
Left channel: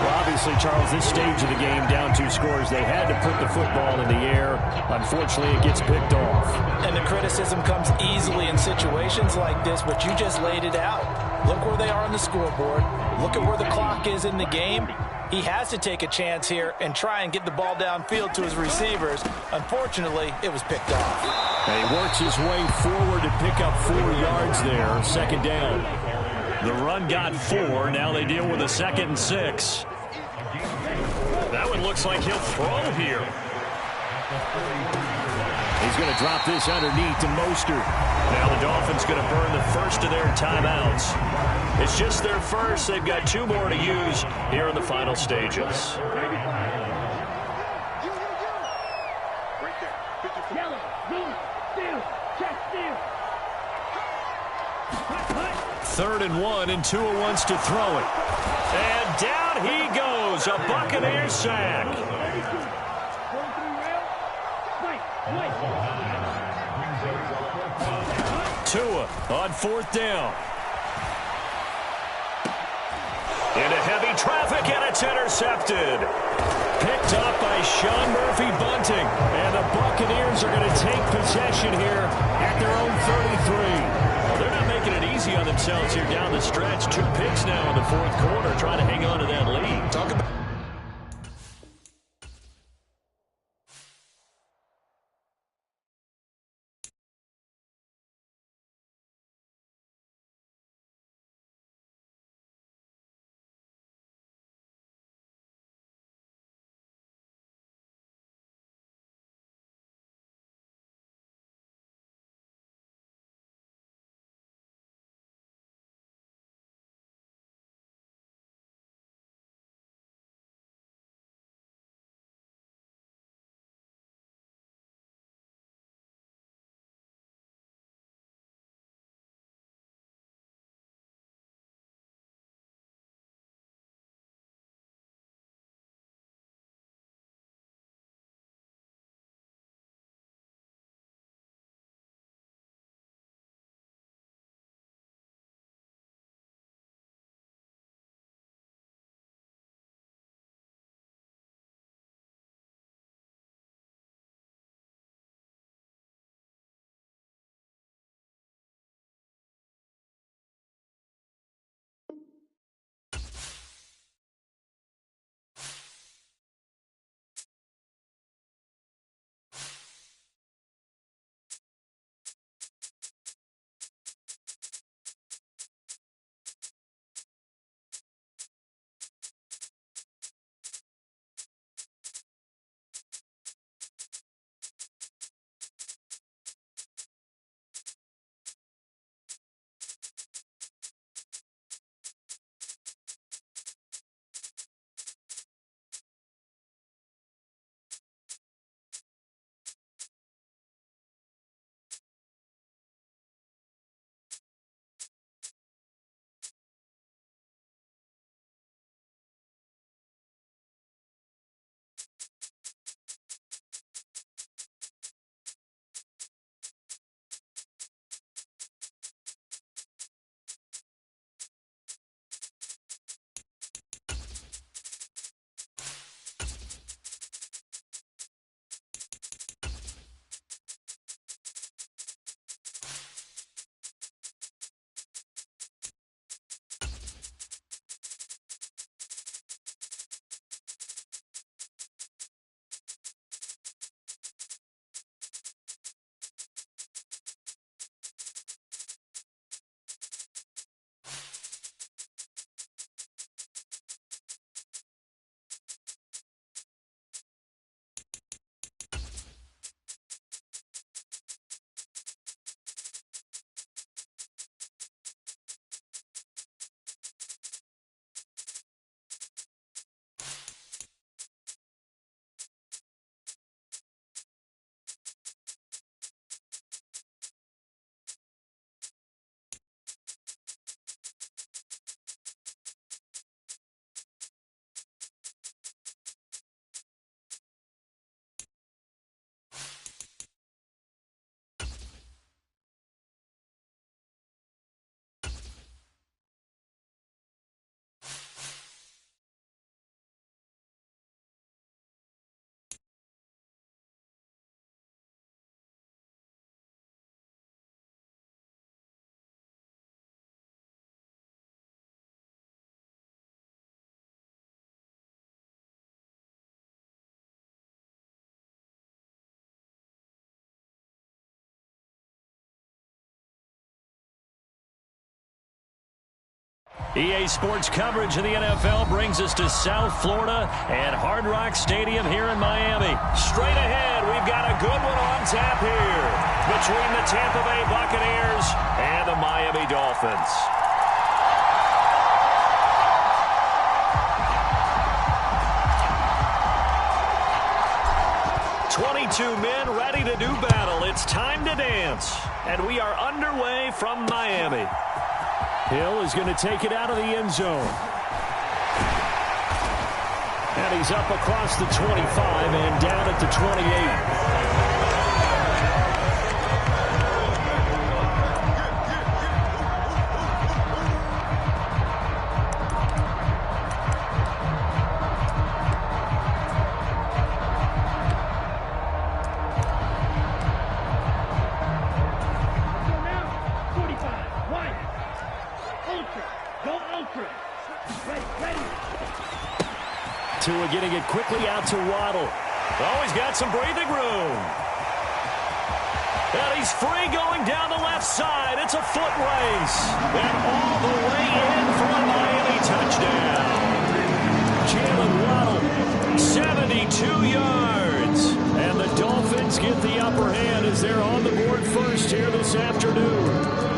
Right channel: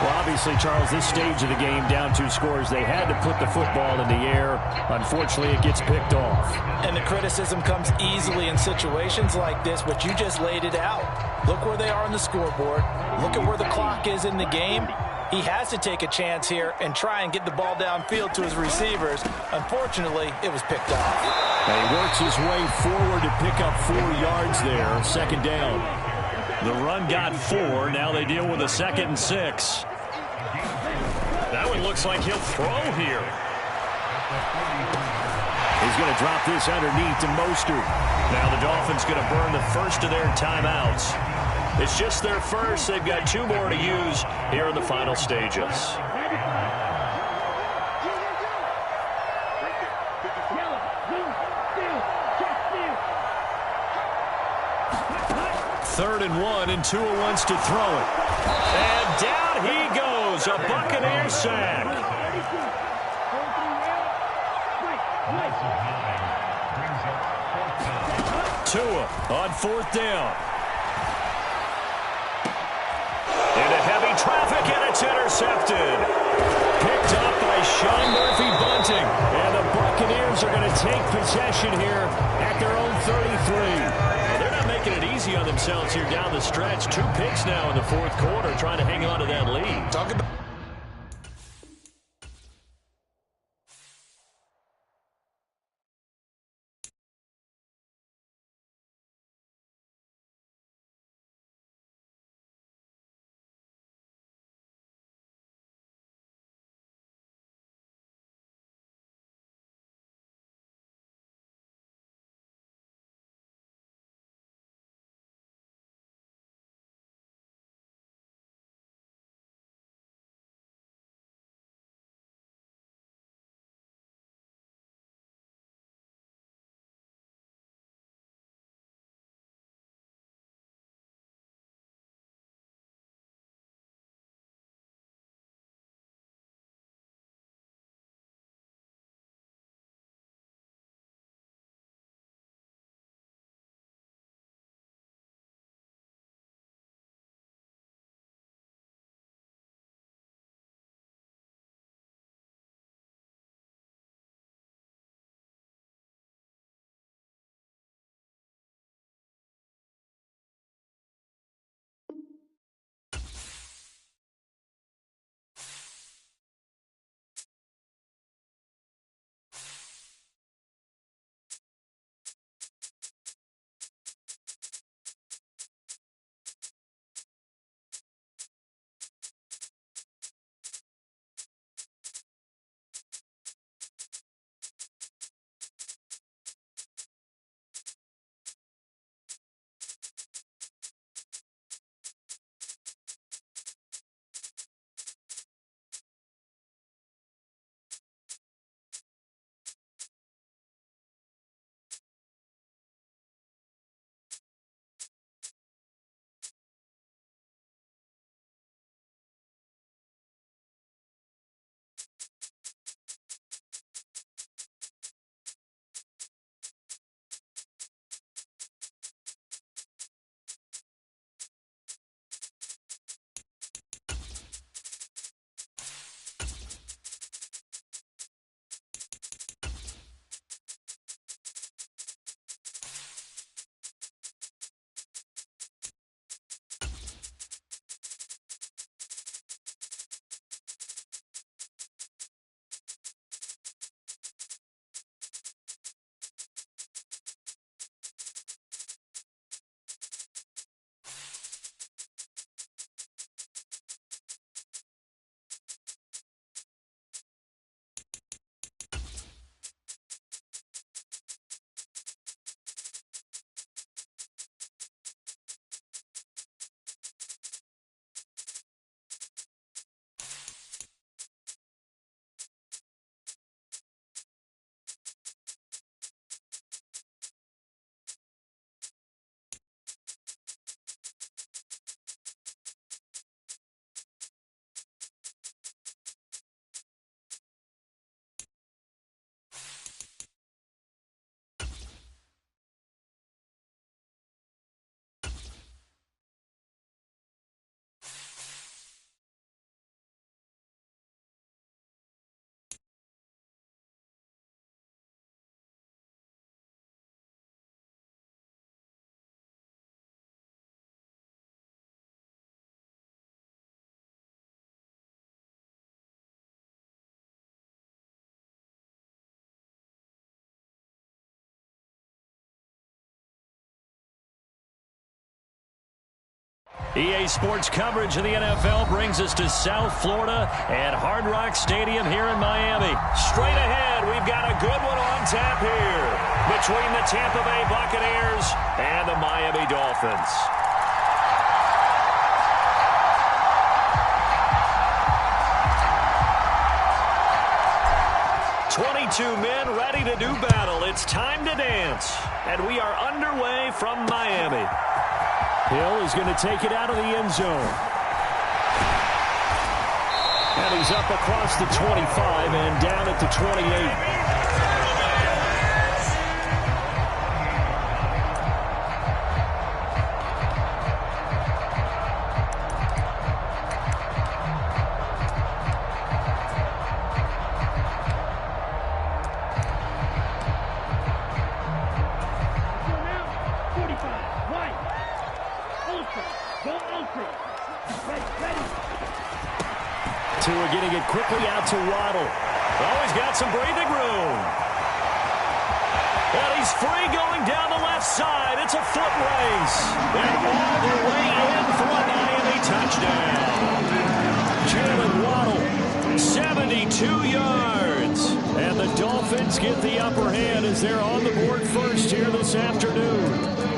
Well, obviously, Charles, this stage of the game, down 2 scores, they had to put the football in the air. Unfortunately, it gets picked off. And the criticism comes easily in situations like this, but you just laid it out. Look where they are on the scoreboard. Look at where the clock is in the game. He has to take a chance here and try and get the ball downfield to his receivers. Unfortunately, it was picked off. And he works his way forward to pick up 4 yards there. Second down. The run got 4. Now they deal with a 2nd and 6. That one looks like he'll throw here. He's going to drop this underneath to Mostert. Now the Dolphins going to burn the first of their timeouts. It's just their first. They've got 2 more to use here in the final stages. Third and 1, and Tua wants to throw it. And down he goes. A Buccaneer sack. Tua on 4th down. Into heavy traffic, and it's intercepted. Picked up by Sean Murphy-Bunting. And the Buccaneers are going to take possession here at their own 33. Well, they're not making it easy on themselves here down the stretch. 2 picks now in the 4th quarter, trying to hang on to that lead. Talk about EA Sports coverage of the NFL brings us to South Florida and Hard Rock Stadium here in Miami. Straight ahead, we've got a good one on tap here between the Tampa Bay Buccaneers and the Miami Dolphins. "22 men ready to do battle. It's time to dance." And we are underway from Miami. Hill is going to take it out of the end zone. And he's up across the 25 and down at the 28. Tua getting it quickly out to Waddle. Oh, he's got some breathing room. And he's free going down the left side. It's a foot race. And all the way in for a Miami touchdown. Jalen Waddle, 72 yards. And the Dolphins get the upper hand as they're on the board first here this afternoon.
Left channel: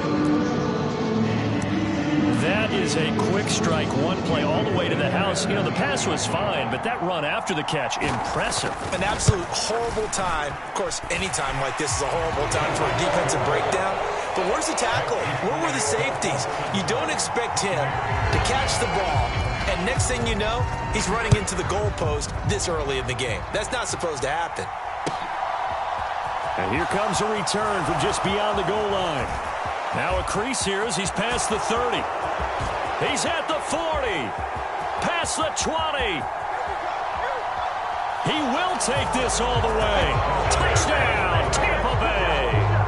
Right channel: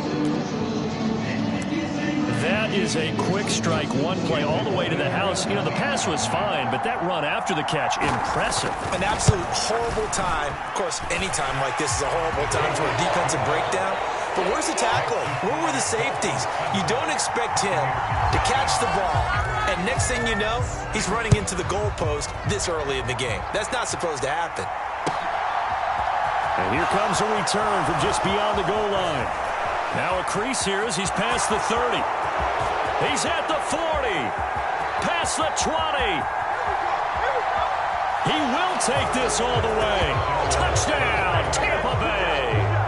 That is a quick strike, one play all the way to the house. You know, the pass was fine, but that run after the catch, impressive. An absolute horrible time. Of course, any time like this is a horrible time for a defensive breakdown. But where's the tackling? Where were the safeties? You don't expect him to catch the ball, and next thing you know, he's running into the goalpost this early in the game. That's not supposed to happen. And here comes a return from just beyond the goal line. Now a crease here as he's past the 30. He's at the 40. Past the 20. He will take this all the way. Touchdown, Tampa Bay.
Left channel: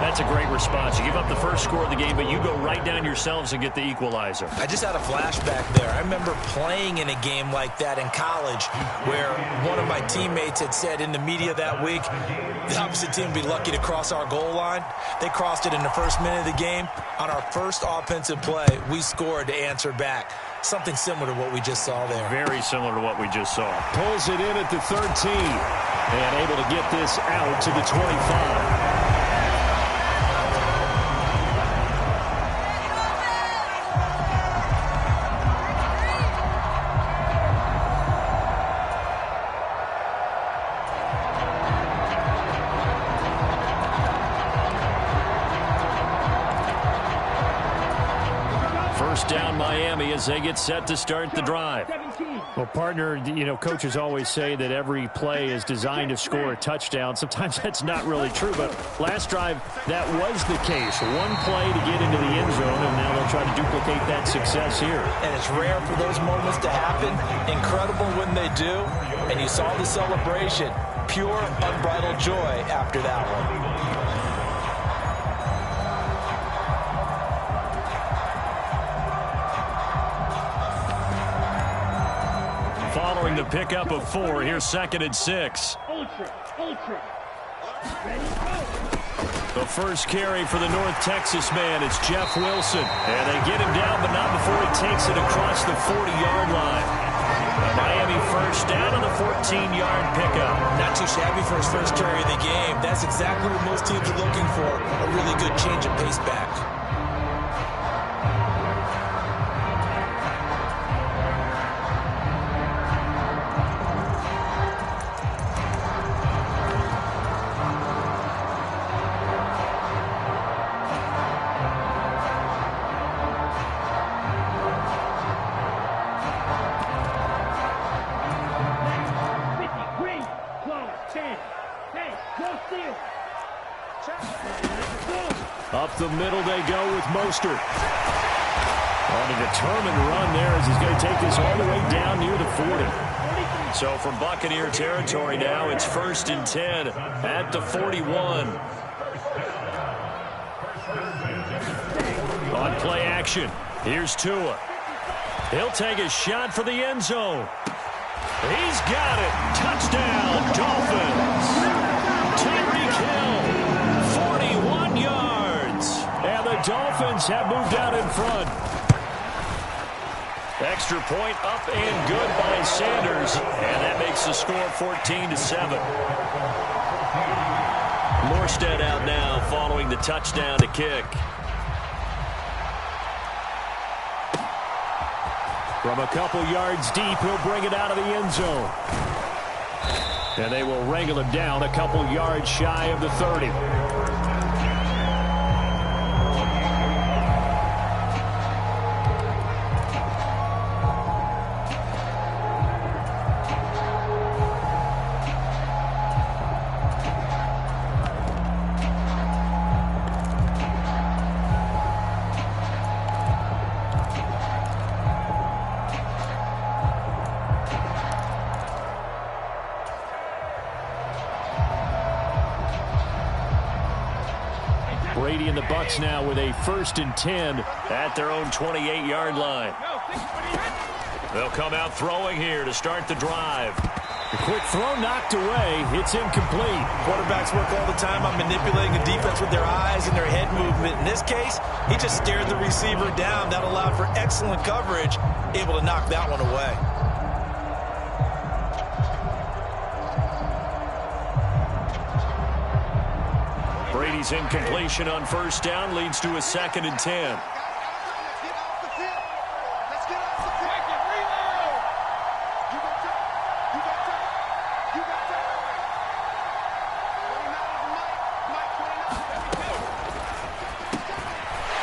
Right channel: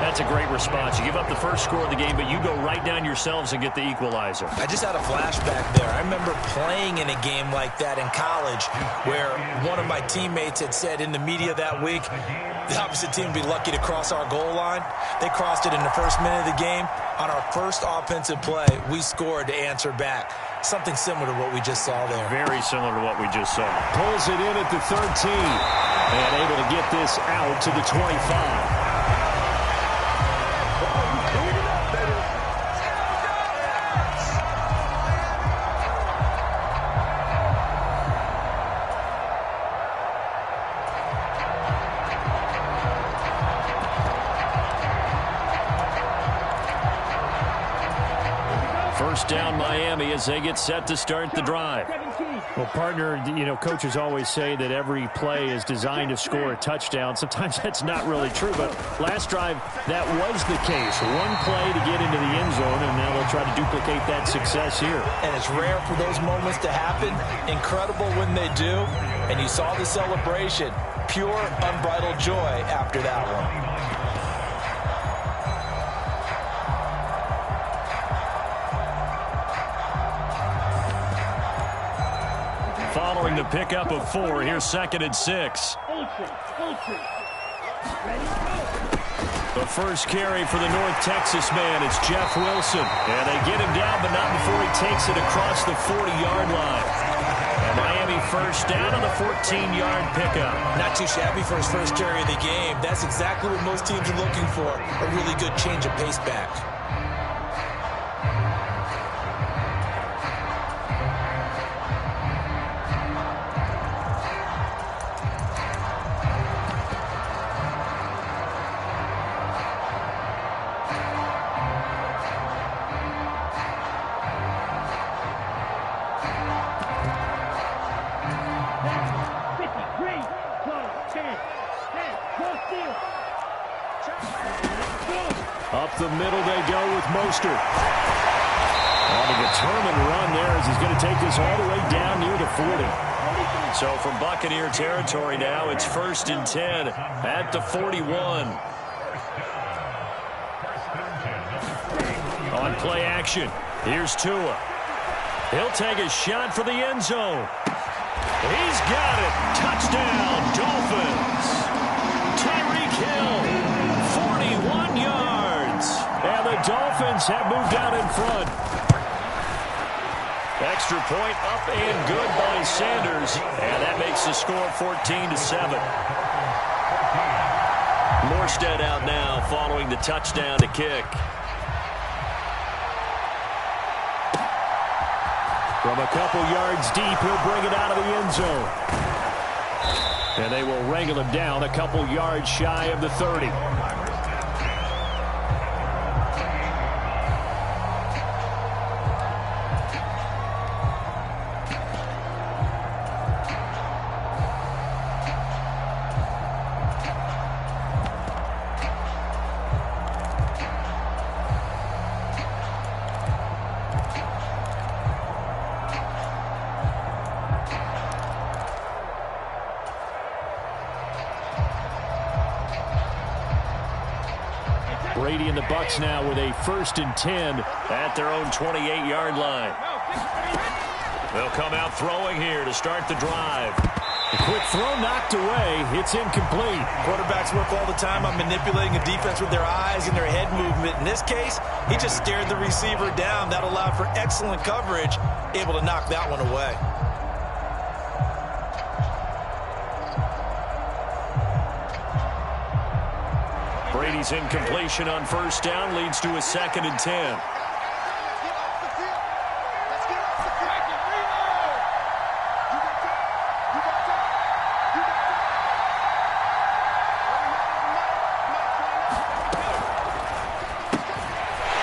That's a great response. You give up the first score of the game, but you go right down yourselves and get the equalizer. I just had a flashback there. I remember playing in a game like that in college where one of my teammates had said in the media that week, the opposite team would be lucky to cross our goal line. They crossed it in the first minute of the game. On our first offensive play, we scored to answer back. Something similar to what we just saw there. Very similar to what we just saw. Pulls it in at the 13 and able to get this out to the 25. First down Miami as they get set to start the drive. Well, partner, you know, coaches always say that every play is designed to score a touchdown. Sometimes that's not really true, but last drive, that was the case. One play to get into the end zone, and now they'll try to duplicate that success here. And it's rare for those moments to happen. Incredible when they do. And you saw the celebration. Pure, unbridled joy after that one. Following the pickup of 4, here's 2nd and 6. The first carry for the North Texas man, it's Jeff Wilson. And they get him down, but not before he takes it across the 40-yard line. A Miami first down on the 14-yard pickup. Not too shabby for his first carry of the game. That's exactly what most teams are looking for, a really good change of pace back. Up the middle they go with Mostert. On a determined run there as he's going to take this all the way down near the 40. So from Buccaneer territory now, it's 1st and 10 at the 41. On play action, here's Tua. He'll take a shot for the end zone. He's got it. Touchdown, Dolphins. Tyreek Hill, 41 yards. And the Dolphins have moved out in front. Extra point up and good by Sanders. And that makes the score 14-7. Morstead out now following the touchdown to kick. From a couple yards deep, he'll bring it out of the end zone. And they will wrangle him down a couple yards shy of the 30. Brady and the Bucs now with a 1st and 10 at their own 28-yard line. They'll come out throwing here to start the drive. A quick throw knocked away. It's incomplete. Quarterbacks work all the time on manipulating a defense with their eyes and their head movement. In this case, he just stared the receiver down. That allowed for excellent coverage, able to knock that one away. Brady's incompletion on 1st down leads to a 2nd and 10.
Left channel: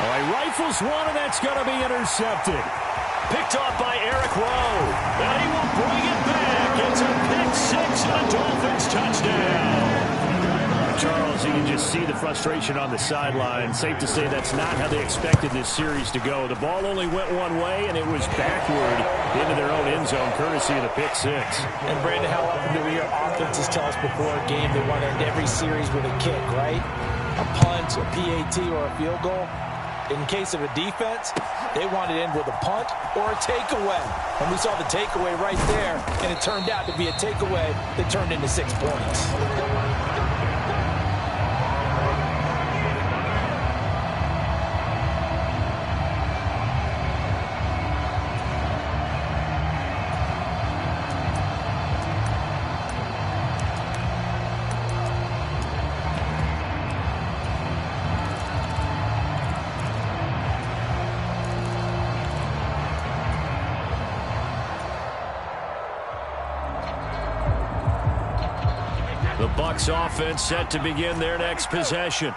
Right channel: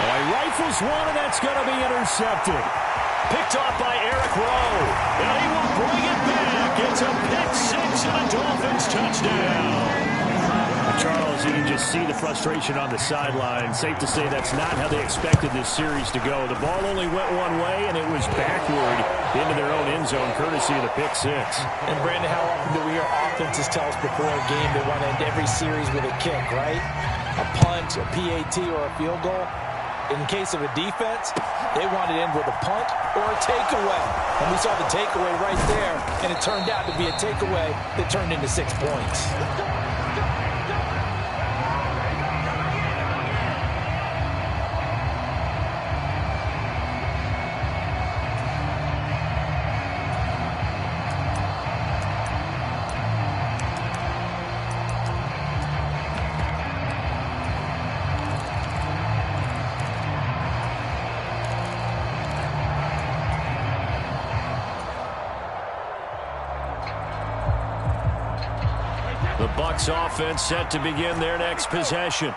Oh, he rifles one, and that's going to be intercepted. Picked off by Eric Rowe. And he will bring it back. It's a pick 6 and a Dolphins touchdown. Charles, you can just see the frustration on the sideline. Safe to say that's not how they expected this series to go. The ball only went one way, and it was backward into their own end zone, courtesy of the pick 6. And, Brandon, how often do we hear offenses tell us before a game they want to end every series with a kick, right? A punt, a PAT, or a field goal. In case of a defense, they want to end with a punt or a takeaway. And we saw the takeaway right there, and it turned out to be a takeaway that turned into 6 points. The Bucs offense set to begin their next possession.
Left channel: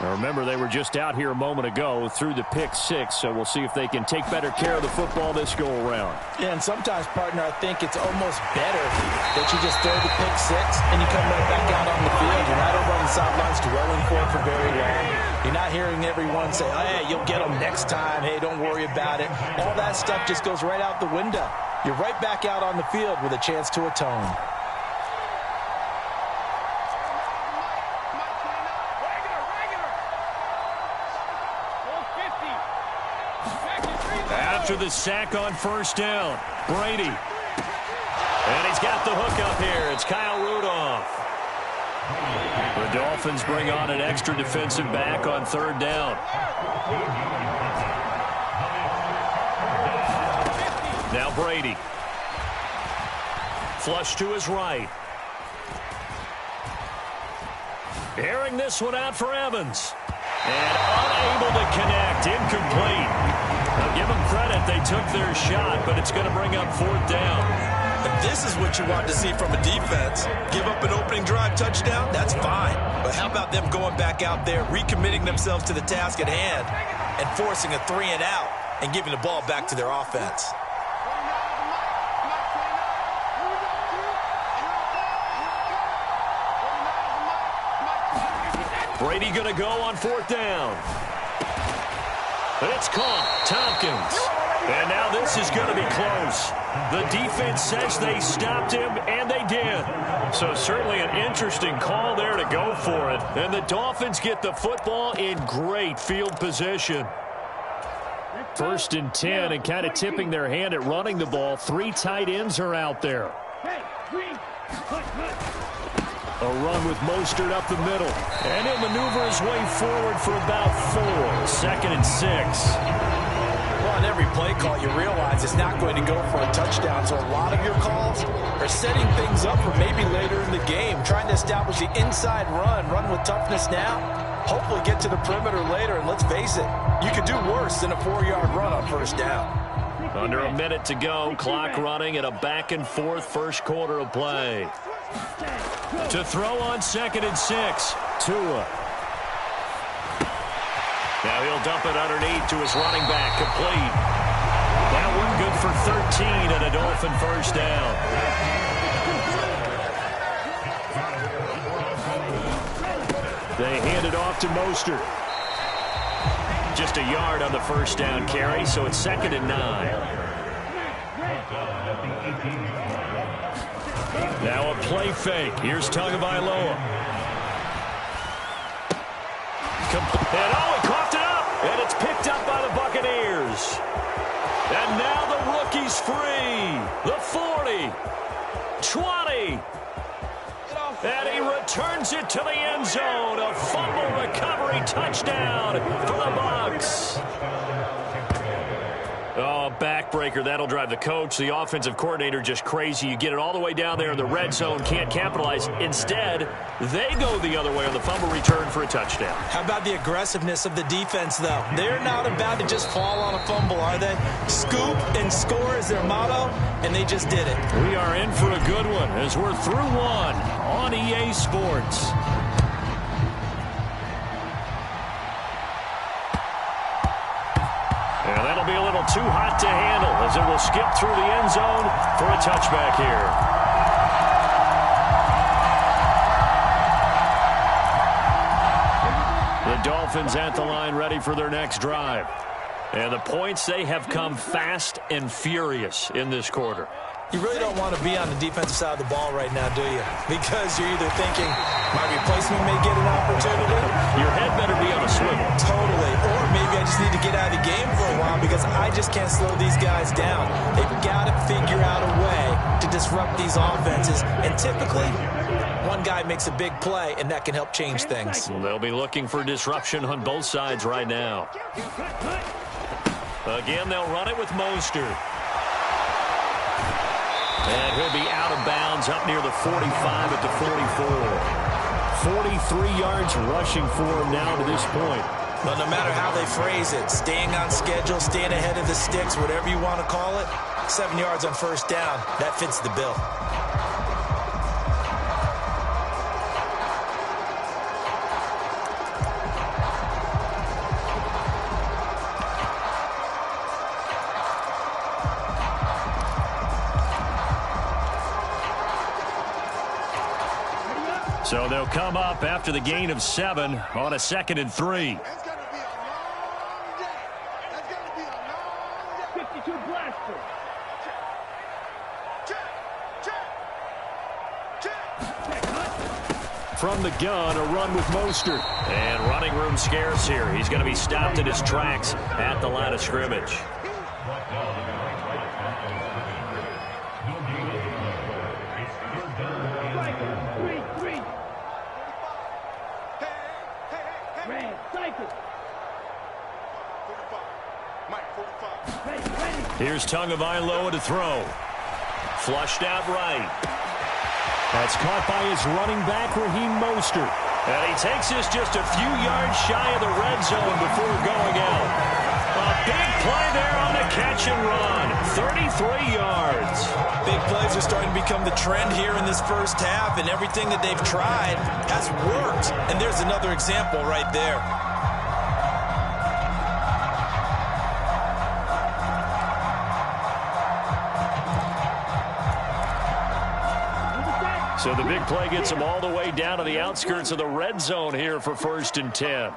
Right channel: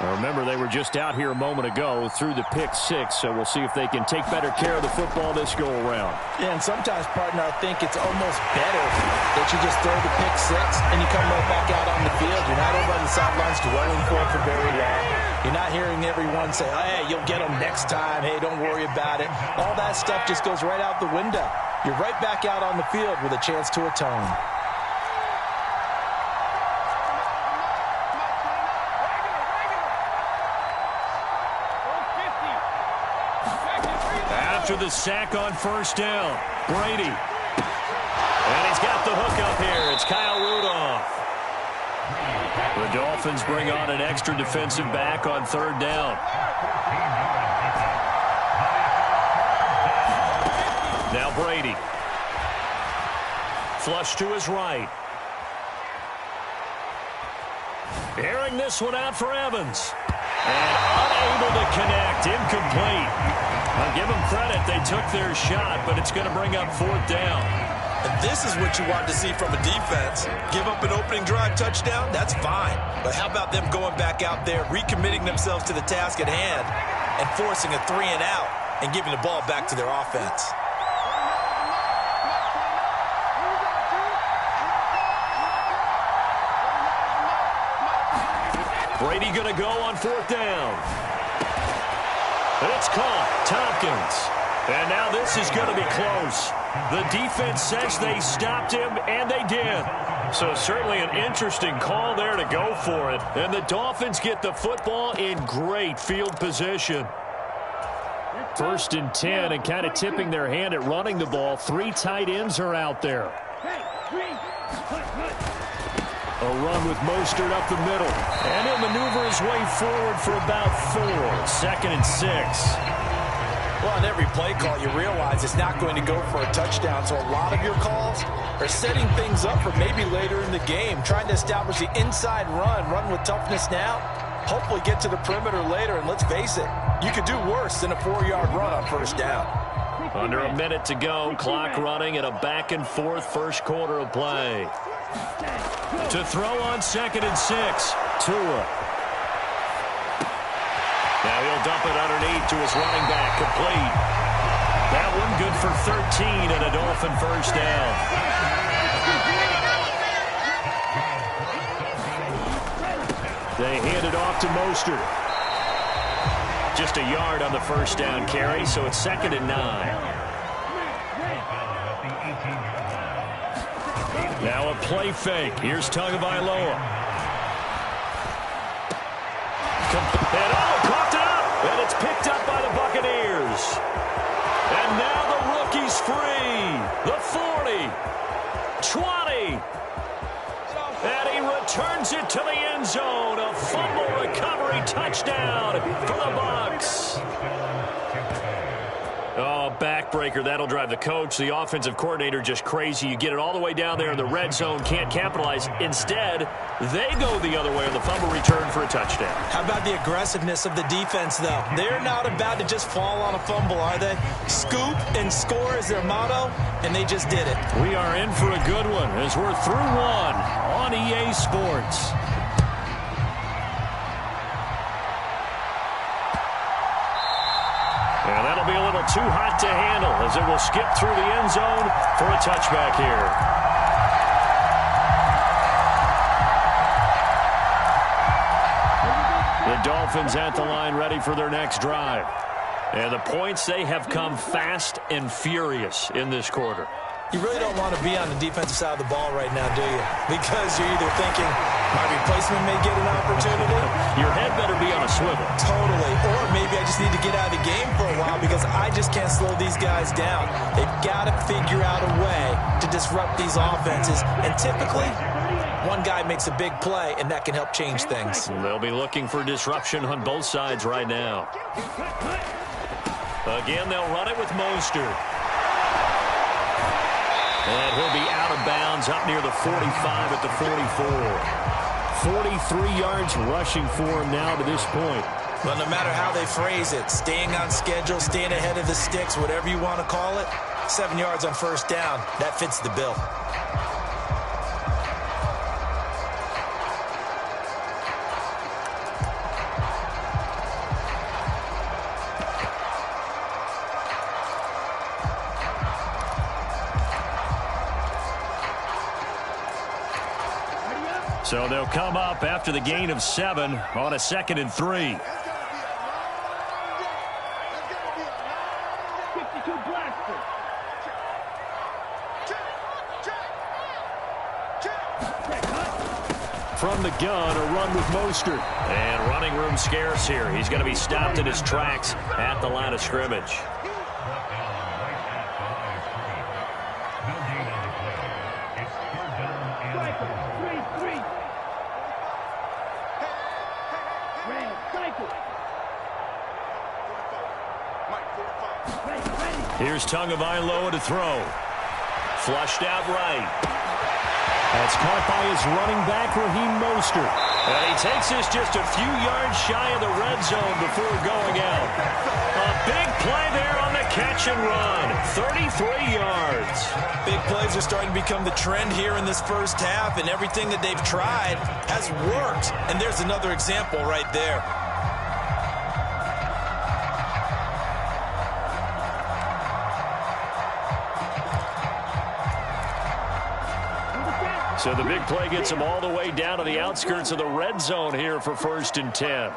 Now remember, they were just out here a moment ago through the pick 6, so we'll see if they can take better care of the football this go-around. Yeah, and sometimes, partner, I think it's almost better that you just throw the pick 6 and you come right back out on the field. You're not over on the sidelines dwelling for it for very long. You're not hearing everyone say, oh, hey, you'll get them next time. Hey, don't worry about it. All that stuff just goes right out the window. You're right back out on the field with a chance to atone. After the sack on 1st down, Brady. And he's got the hook up here. It's Kyle Rudolph. The Dolphins bring on an extra defensive back on 3rd down. Now Brady. Flush to his right. Airing this one out for Evans. And unable to connect. Incomplete. I'll give them credit. They took their shot, but it's going to bring up 4th down. And this is what you want to see from a defense. Give up an opening drive touchdown, that's fine. But how about them going back out there, recommitting themselves to the task at hand, and forcing a 3 and out and giving the ball back to their offense? Brady going to go on 4th down. It's caught. Tompkins. And now this is going to be close. The defense says they stopped him, and they did. So certainly an interesting call there to go for it. And the Dolphins get the football in great field position. 1st and 10, and kind of tipping their hand at running the ball. 3 tight ends are out there. A run with Mostert up the middle. And he'll maneuver his way forward for about 4. 2nd and 6. Well, on every play call, you realize it's not going to go for a touchdown. So a lot of your calls are setting things up for maybe later in the game, trying to establish the inside run with toughness now, hopefully get to the perimeter later. And let's face it, you could do worse than a 4-yard run on first down. Under a minute to go, clock running at a back-and-forth first quarter of play. To throw on 2nd and 6, Tua. Now he'll dump it underneath to his running back, complete. That one good for 13 and a Dolphin first down. They hand it off to Mostert. Just a yard on the first down carry, so it's 2nd and 9. Now a play fake. Here's Tagovailoa. And he coughed it up, and it's picked up by the Buccaneers. And now the rookie's free. The 40, 20. And he returns it to the end zone. A fumble recovery touchdown for the Bucs. Oh, backbreaker. That'll drive the coach, the offensive coordinator, just crazy. You get it all the way down there in the red zone, can't capitalize. Instead, they go the other way on the fumble return for a touchdown. How about the aggressiveness of the defense, though? They're not about to just fall on a fumble, are they? Scoop and score is their motto, and they just did it. We are in for a good one as we're through one on EA Sports. And that'll be a little too hot to handle as it will skip through the end zone for a touchback here. The Dolphins at the line ready for their next drive. And the points, they have come fast and furious in this quarter. You really don't want to be on the defensive side of the ball right now, do you? Because you're either thinking, my replacement may get an opportunity. Your head better be on a swivel. Totally. Or maybe I just need to get out of the game for a while because I just can't slow these guys down. They've got to figure out a way to disrupt these offenses. And typically, one guy makes a big play, and that can help change things. They'll be looking for disruption on both sides right now. Again, they'll run it with Mostert. And he'll be out of bounds up near the 45 at the 44. 43 yards rushing for him now to this point. Well, no matter how they phrase it, staying on schedule, staying ahead of the sticks, whatever you want to call it, 7 yards on first down, that fits the bill. So they'll come up after the gain of 7 on a 2nd and 3. That's going to be a long day. That's going to be a long day. 52 blaster. Check. From the gun, a run with Mostert. And running room scarce here. He's going to be stopped in his tracks at the line of scrimmage. Here's Tagovailoa to throw. Flushed out right. That's caught by his running back, Raheem Mostert. And he takes this just a few yards shy of the red zone before going out. A big play there on the catch and run. 33 yards. Big plays are starting to become the trend here in this first half, and everything that they've tried has worked. And there's another example right there. So the big play gets them all the way down to the outskirts of the red zone here for 1st and 10.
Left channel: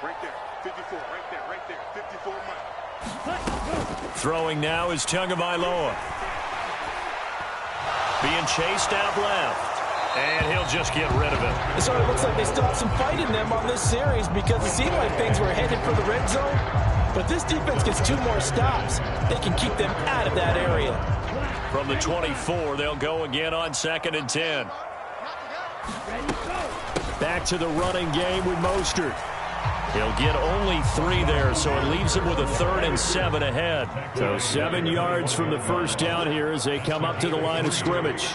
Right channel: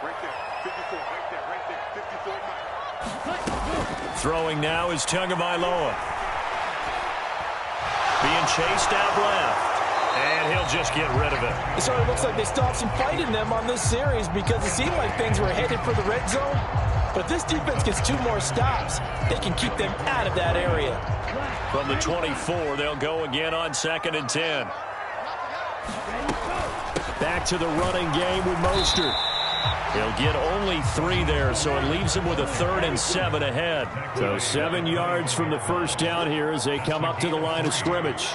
Right there. 54. Right there. 54, Mike. Throwing now is Tagovailoa. Being chased out left. And he'll just get rid of it. It sort of looks like they still have some fight in them on this series because it seemed like things were headed for the red zone. But if this defense gets 2 more stops, they can keep them out of that area. From the 24, they'll go again on 2nd and 10. Back to the running game with Mostert. He'll get only 3 there, so it leaves him with a 3rd and 7 ahead. So 7 yards from the first down here as they come up to the line of scrimmage.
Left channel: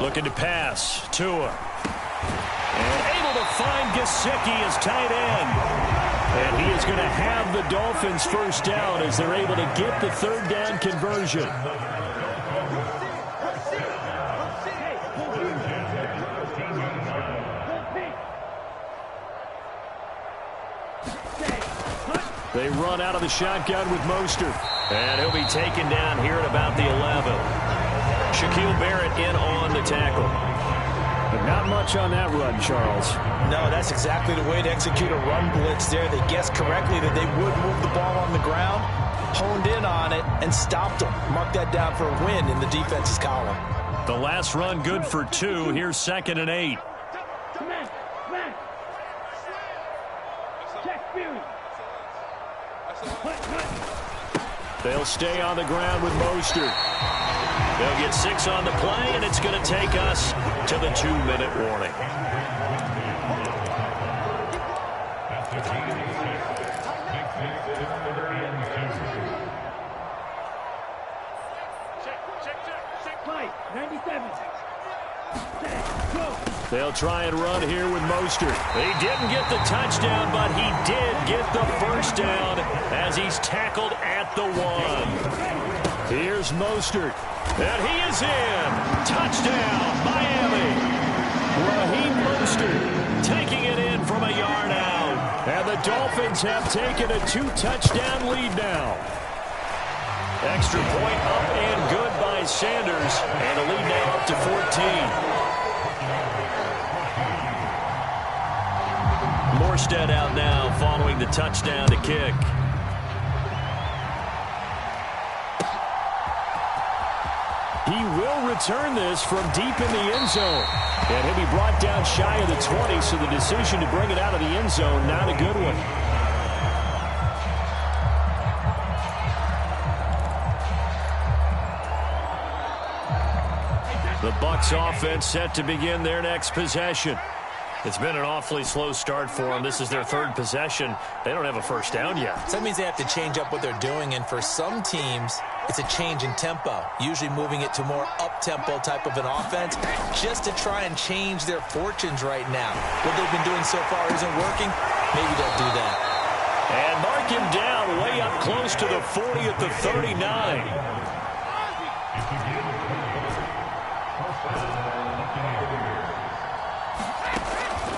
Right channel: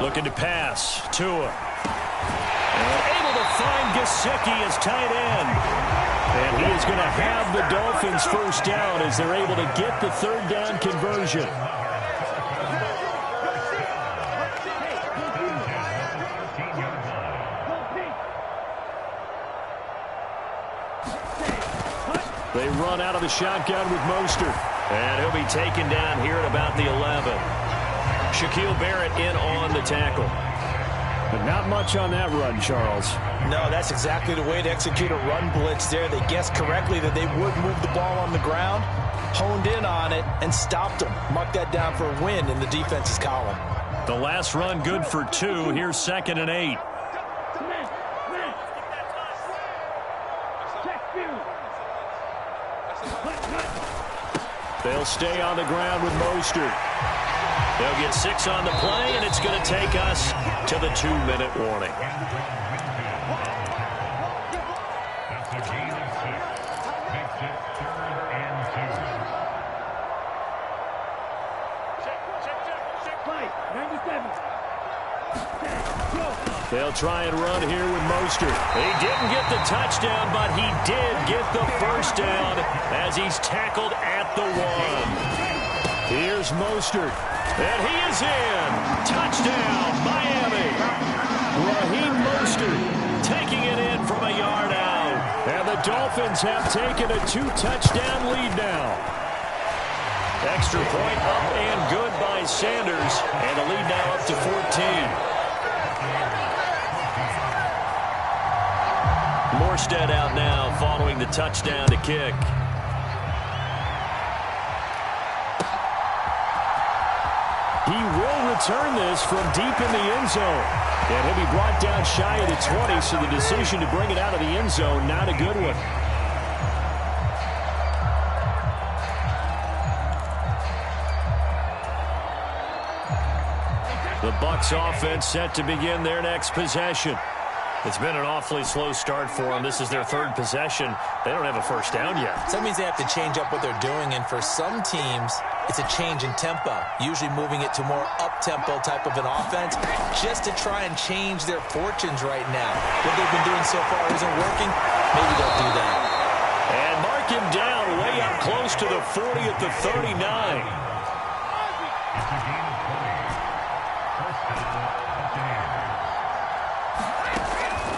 Looking to pass. Tua. And able to find Gesicki as tight end. And he is going to have the Dolphins first down as they're able to get the 3rd down conversion. They run out of the shotgun with Mostert. And he'll be taken down here at about the 11. Shaquille Barrett in on the tackle. But not much on that run, Charles. No, that's exactly the way to execute a run blitz there. They guessed correctly that they would move the ball on the ground, honed in on it, and stopped them. Mark that down for a win in the defense's column. The last run good for 2. Here's 2nd and 8. They'll stay on the ground with Mostert. They'll get 6 on the play, and it's going to take us to the 2-minute warning. They'll try and run here with Mostert. He didn't get the touchdown, but he did get the first down as he's tackled at the 1. Here's Mostert. And he is in. Touchdown, Miami. Raheem Mostert taking it in from a yard out. And the Dolphins have taken a 2-touchdown lead now. Extra point up and good by Sanders. And the lead now up to 14. Morstead out now following the touchdown to kick. He will return this from deep in the end zone. And he'll be brought down shy of the 20, so the decision to bring it out of the end zone, not a good one. The Bucs offense set to begin their next possession. It's been an awfully slow start for them. This is their 3rd possession. They don't have a first down yet. So that means they have to change up what they're doing, and for some teams, it's a change in tempo, usually moving it to more up-tempo type of an offense, just to try and change their fortunes right now. What they've been doing so far isn't working. Maybe they'll do that. And mark him down way up close to the 40 at the 39.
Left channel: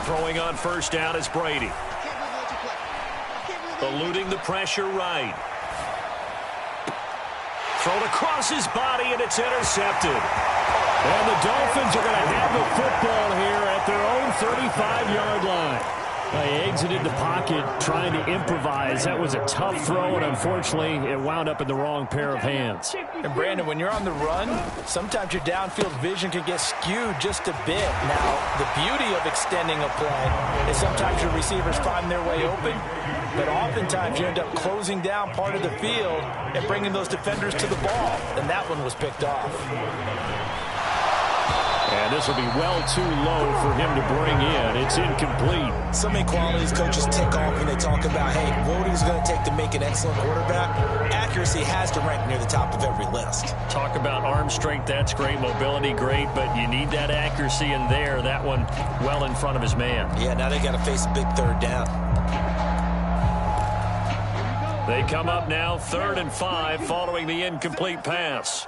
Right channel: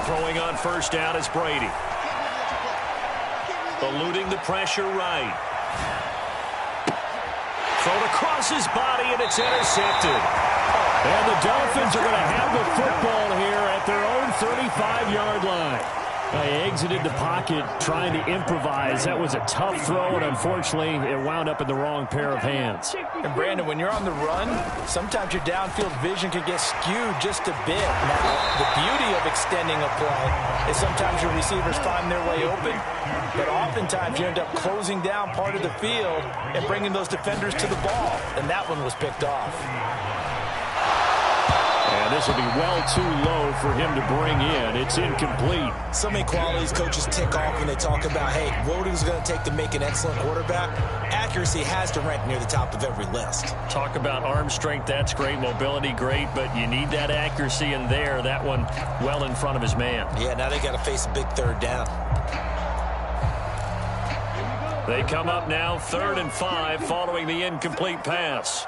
Throwing on first down is Brady. Eluding the pressure right. Thrown across his body, and it's intercepted. And the Dolphins are going to have the football here at their own 35-yard line. They exited the pocket trying to improvise. That was a tough throw, and unfortunately, it wound up in the wrong pair of hands. And, Brandon, when you're on the run, sometimes your downfield vision can get skewed just a bit. Now, the beauty of extending a play is sometimes your receivers find their way open, but oftentimes you end up closing down part of the field and bringing those defenders to the ball, and that one was picked off. And this will be well too low for him to bring in. It's incomplete. So many qualities coaches tick off when they talk about, hey, what is it going to take to make an excellent quarterback? Accuracy has to rank near the top of every list. Talk about arm strength, that's great. Mobility, great. But you need that accuracy in there. That one well in front of his man. Yeah, now they got to face a big 3rd down. They come up now 3rd and 5 following the incomplete pass.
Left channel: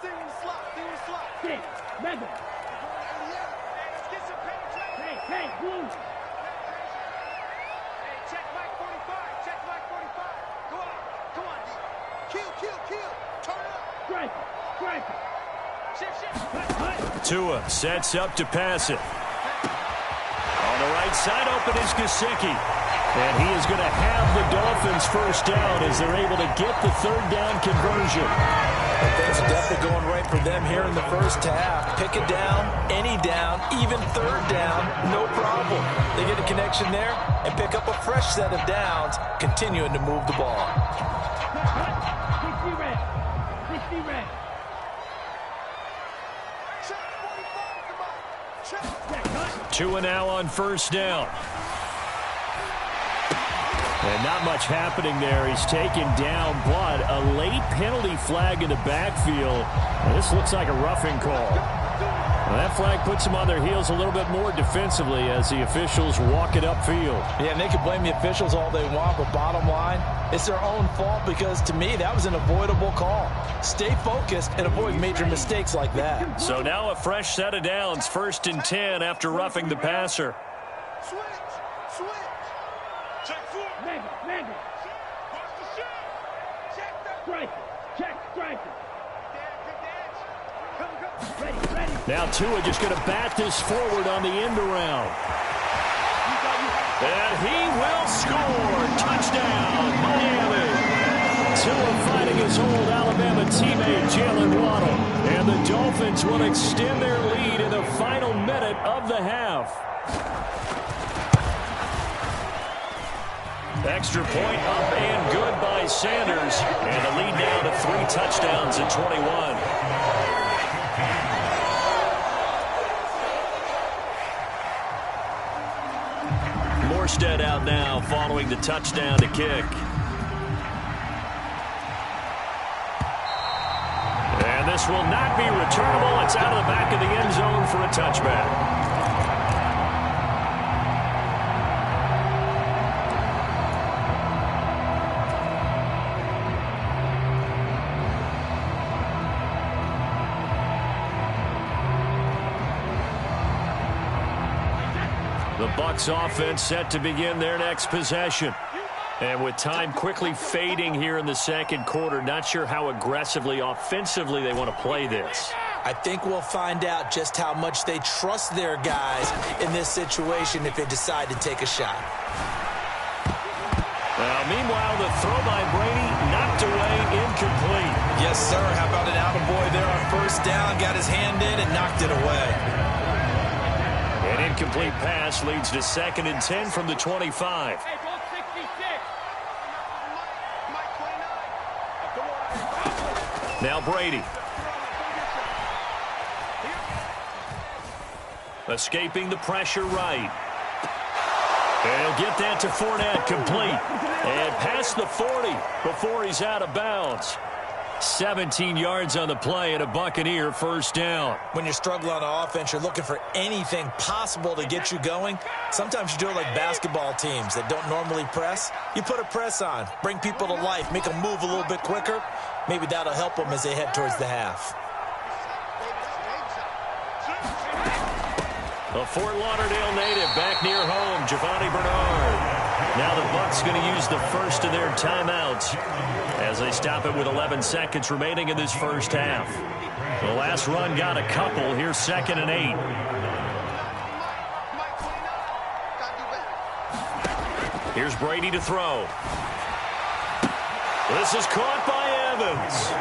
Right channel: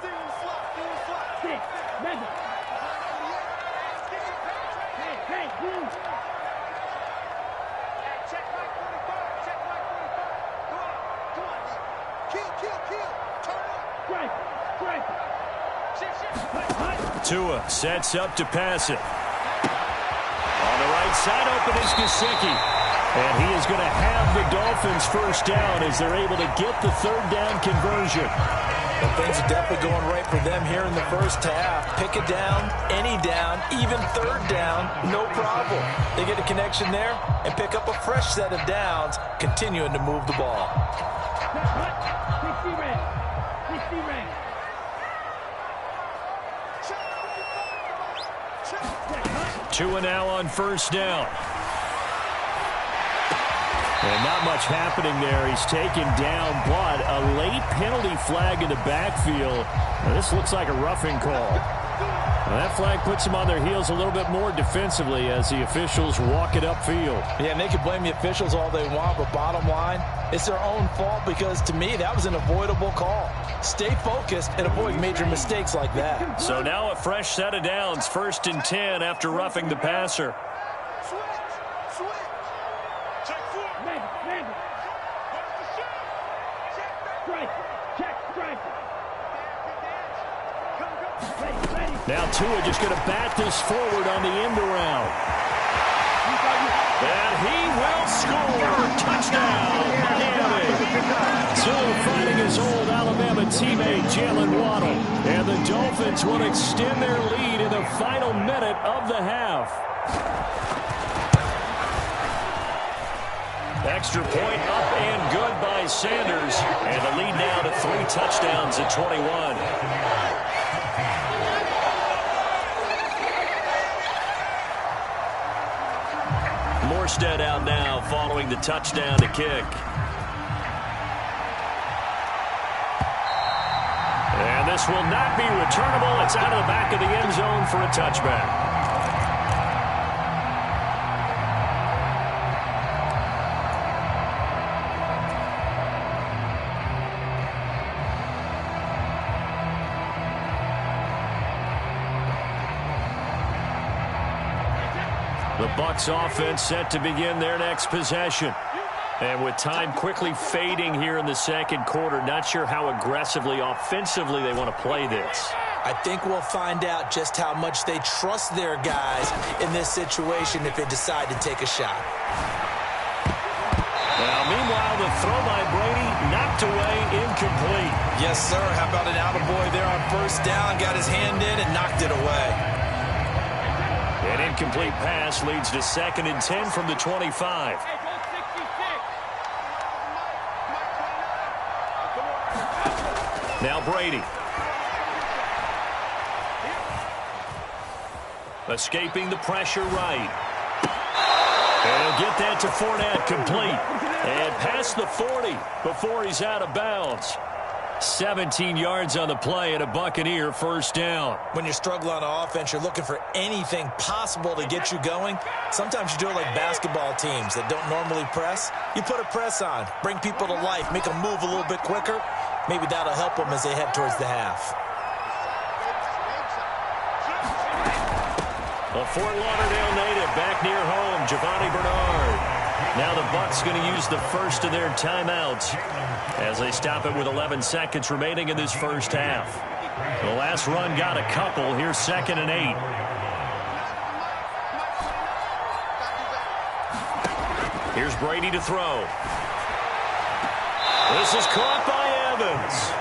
Hey, blue. Hey, check Mike 45. Check Mike 45. Go on. Come on, D. Kill. Turn up. Strike it. Shift. Tua sets up to pass it. On the right side, open is Gesicki. And he is going to have the Dolphins first down as they're able to get the 3rd down conversion. And things are definitely going right for them here in the first half. Pick it down, any down, even 3rd down, no problem. They get a connection there and pick up a fresh set of downs, continuing to move the ball. 60 red. Check 45, come on. Tua now on first down. And not much happening there. He's taken down, but a late penalty flag in the backfield. Now, this looks like a roughing call. Well, that flag puts them on their heels a little bit more defensively as the officials walk it upfield. Yeah, and they can blame the officials all they want, but bottom line, it's their own fault because, to me, that was an avoidable call. Stay focused and avoid major mistakes like that. So now a fresh set of downs, 1st and 10 after roughing the passer. Switch. Check 4. Mangle. Watch the shot. Check that. Strike it. Check, strike it. Ready. Now Tua just going to bat this forward on the end around. And he will score. Touchdown, Miami. Tua fighting his old Alabama teammate, Jalen Waddle. And the Dolphins will extend their lead in the final minute of the half. Extra point up and good by Sanders. And the lead now to 3 touchdowns at 21. Morstead out now following the touchdown to kick. And this will not be returnable. It's out of the back of the end zone for a touchback. The Bucs offense set to begin their next possession. And with time quickly fading here in the second quarter, not sure how aggressively, offensively they want to play this. I think we'll find out just how much they trust their guys in this situation if they decide to take a shot. Now, meanwhile, the throw by Brady knocked away, incomplete. Yes, sir. How about an attaboy there on first down? Got his hand in and knocked it away. An incomplete pass leads to 2nd and 10 from the 25. Hey, go 66. Mike 29. Now Brady. Escaping the pressure right. And he'll get that to Fournette, complete. And past the 40 before he's out of bounds. 17 yards on the play and a Buccaneer first down. When you're struggling on offense, you're looking for anything possible to get you going. Sometimes you do it like basketball teams that don't normally press. You put a press on, bring people to life, make them move a little bit quicker. Maybe that'll help them as they head towards the half. A Fort Lauderdale native back near home, Giovanni Bernard. Now the Bucs going to use the first of their timeouts as they stop it with 11 seconds remaining in this first half. The last run got a couple. Here's 2nd and 8. Here's Brady to throw. This is caught by Evans.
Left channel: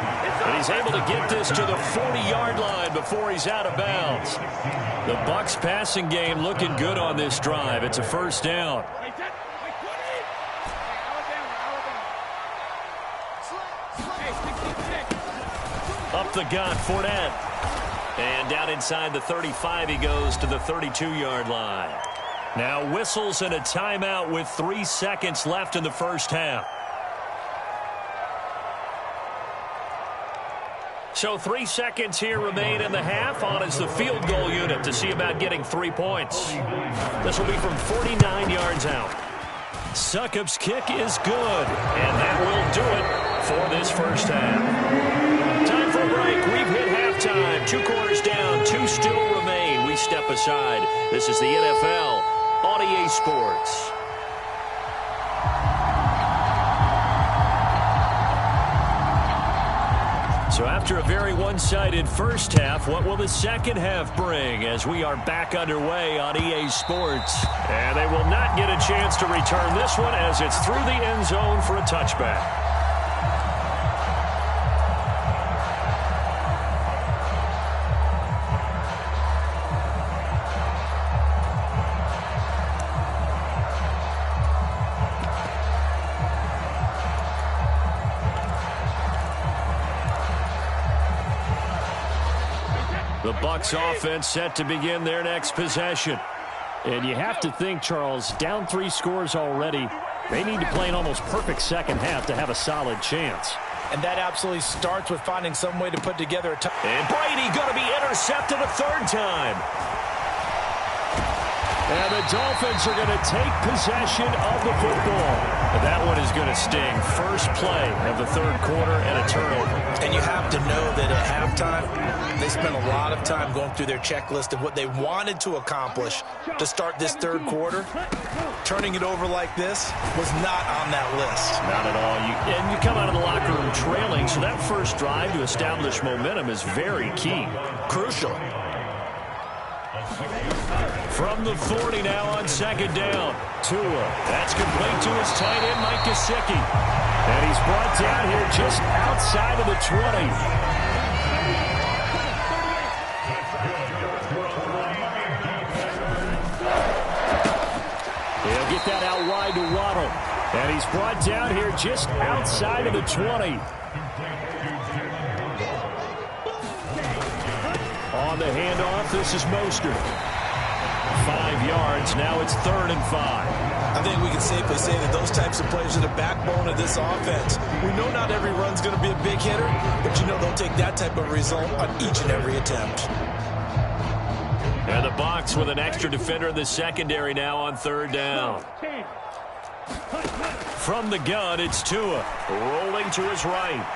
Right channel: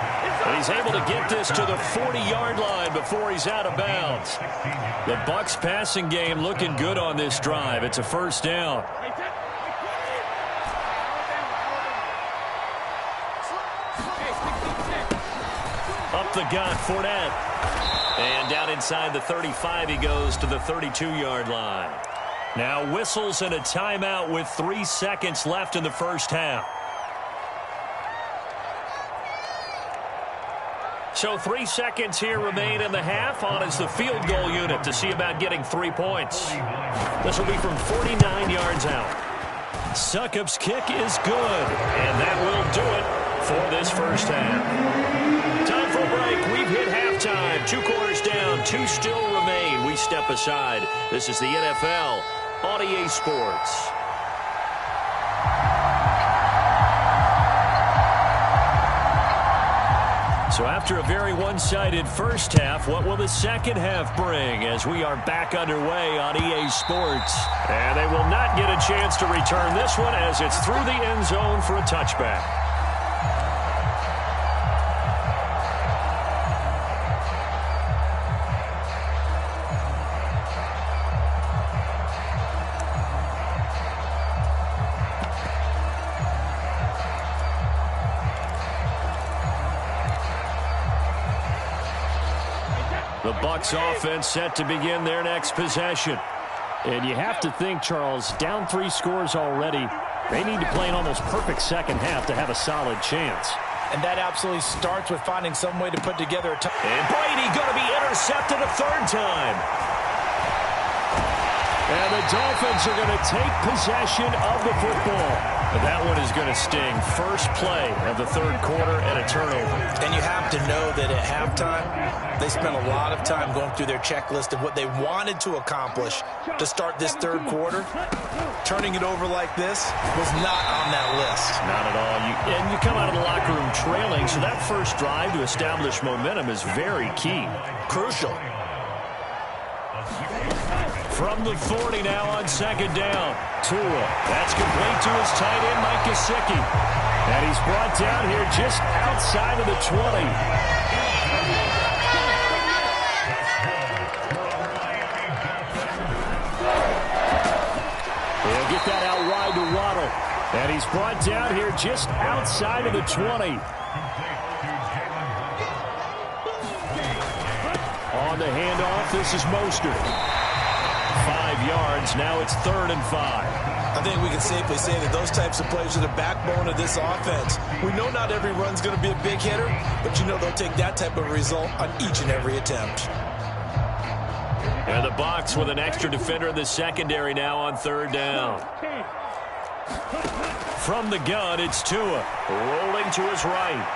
And he's able to get this to the 40-yard line before he's out of bounds. The Bucs passing game looking good on this drive. It's a first down. Up the gut, Fournette. And down inside the 35, he goes to the 32-yard line. Now whistles and a timeout with 3 seconds left in the first half. So 3 seconds here remain in the half. On is the field goal unit to see about getting 3 points. This will be from 49 yards out. Succop's kick is good, and that will do it for this first half. Time for a break. We've hit halftime. 2 quarters down. 2 still remain. We step aside. This is the NFL on EA Sports. So after a very one-sided first half, what will the second half bring as we are back underway on EA Sports? And they will not get a chance to return this one as it's through the end zone for a touchback. The Bucs offense set to begin their next possession. And you have to think, Charles, down 3 scores already. They need to play an almost perfect second half to have a solid chance. And that absolutely starts with finding some way to put together a And Brady going to be intercepted a third time. And the Dolphins are going to take possession of the football. That one is going to sting. First play of the third quarter and a turnover. And you have to know that at halftime, they spent a lot of time going through their checklist of what they wanted to accomplish to start this third quarter. Turning it over like this was not on that list. Not at all. And you come out of the locker room trailing, so that first drive to establish momentum is very key. Crucial. From the 40 now on second down. Tua. That's complete to his tight end, Mike Gesicki. And he's brought down here just outside of the 20. He'll get that out wide to Waddle. And he's brought down here just outside of the 20. On the handoff, this is Mostert. 5 yards. Now it's 3rd and 5. I think we can safely say that those types of plays are the backbone of this offense. We know not every run's going to be a big hitter, but you know they'll take that type of result on each and every attempt. And the Bucs with an extra defender in the secondary now on 3rd down. From the gun, it's Tua. Rolling to his right.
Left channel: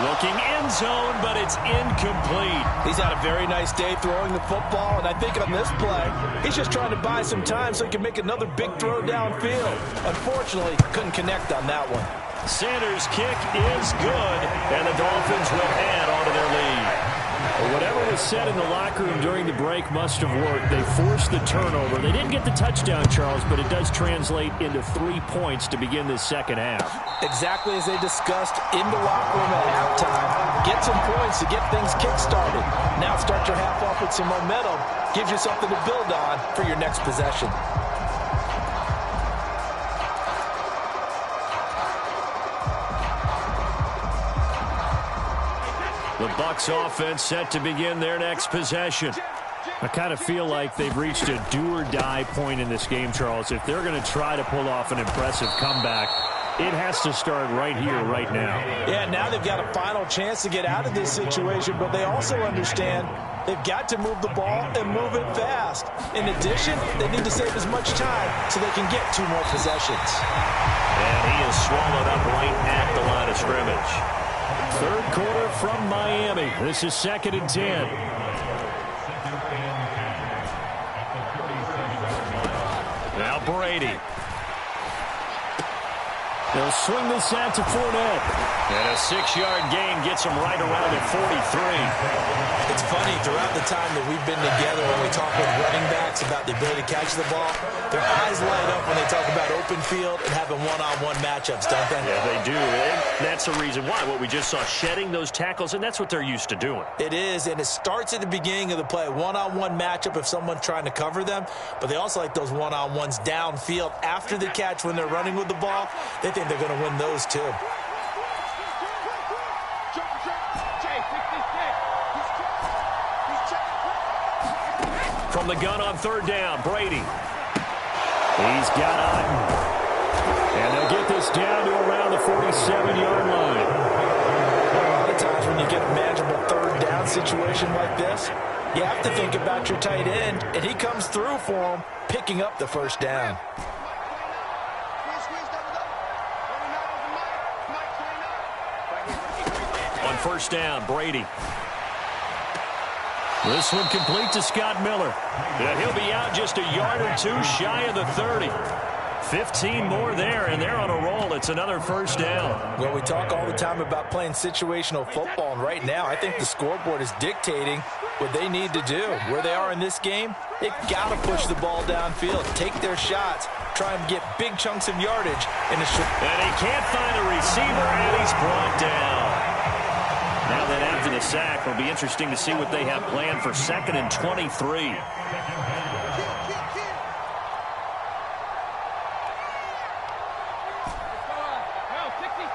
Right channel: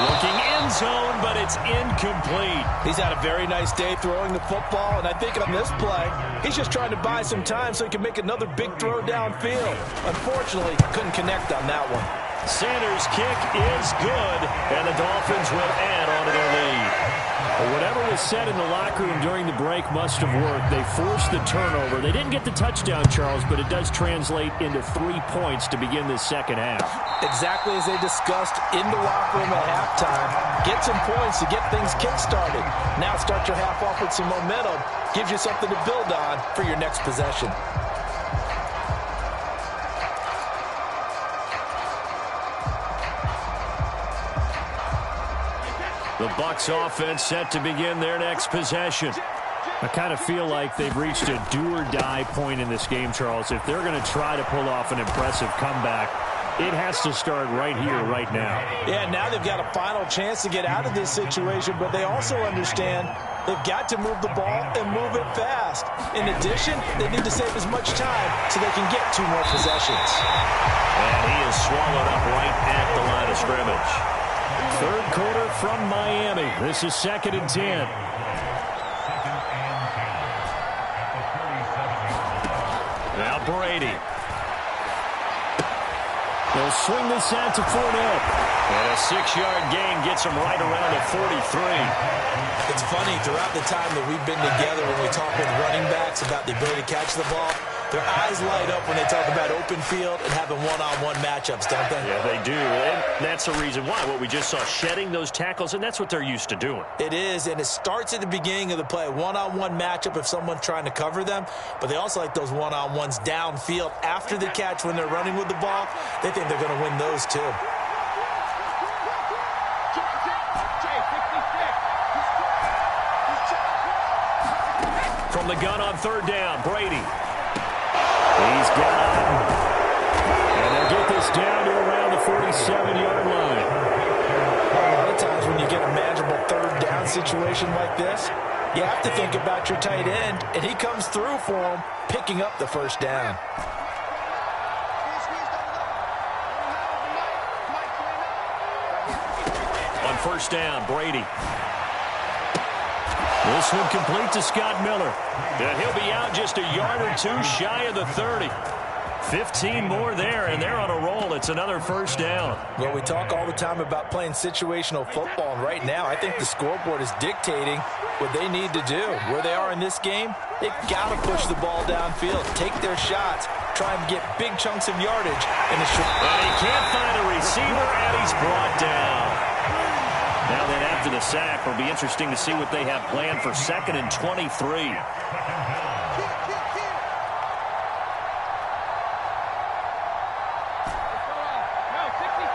Looking end zone, but it's incomplete. He's had a very nice day throwing the football, and I think on this play, he's just trying to buy some time so he can make another big throw downfield. Unfortunately, couldn't connect on that one. Sanders' kick is good, and the Dolphins will add on to their lead. Well, whatever was said in the locker room during the break must have worked. They forced the turnover. They didn't get the touchdown, Charles, but it does translate into 3 points to begin this second half. Exactly as they discussed in the locker room at halftime. Get some points to get things kick-started. Now start your half off with some momentum. Gives you something to build on for your next possession. The Bucs offense set to begin their next possession. I kind of feel like they've reached a do-or-die point in this game, Charles. If they're going to try to pull off an impressive comeback, it has to start right here, right now. Yeah, now they've got a final chance to get out of this situation, but they also understand they've got to move the ball and move it fast. In addition, they need to save as much time so they can get 2 more possessions. And he is swallowed up right at the line of scrimmage. Third quarter from Miami. This is 2nd and 10. Now Brady. They'll swing this out to Fournette. And a 6-yard gain gets him right around the 43. It's funny, throughout the time that we've been together, when we talk with running backs about the ability to catch the ball, their eyes light up when they talk about open field and having one-on-one matchups, don't they? Yeah, they do. And that's the reason why. What we just saw, shedding those tackles, and that's what they're used to doing. It is, and it starts at the beginning of the play. One-on-one matchup if someone's trying to cover them, but they also like those one-on-ones downfield after the catch when they're running with the ball. They think they're going to win those too. From the gun on 3rd down, Brady. He's got Otten. And they'll get this down to around the 47-yard line. A lot of times when you get a manageable 3rd down situation like this, you have to think about your tight end, and he comes through for him, picking up the 1st down. On 1st down, Brady. This one complete to Scott Miller. And he'll be out just a yard or 2 shy of the 30. 15 more there, and they're on a roll. It's another 1st down. Well, we talk all the time about playing situational football, and right now I think the scoreboard is dictating what they need to do. Where they are in this game, they've got to push the ball downfield, take their shots, try and get big chunks of yardage in the short. And he can't find a receiver, and he's brought down. Now then, after the sack, it'll be interesting to see what they have planned for 2nd and 23. No, 66.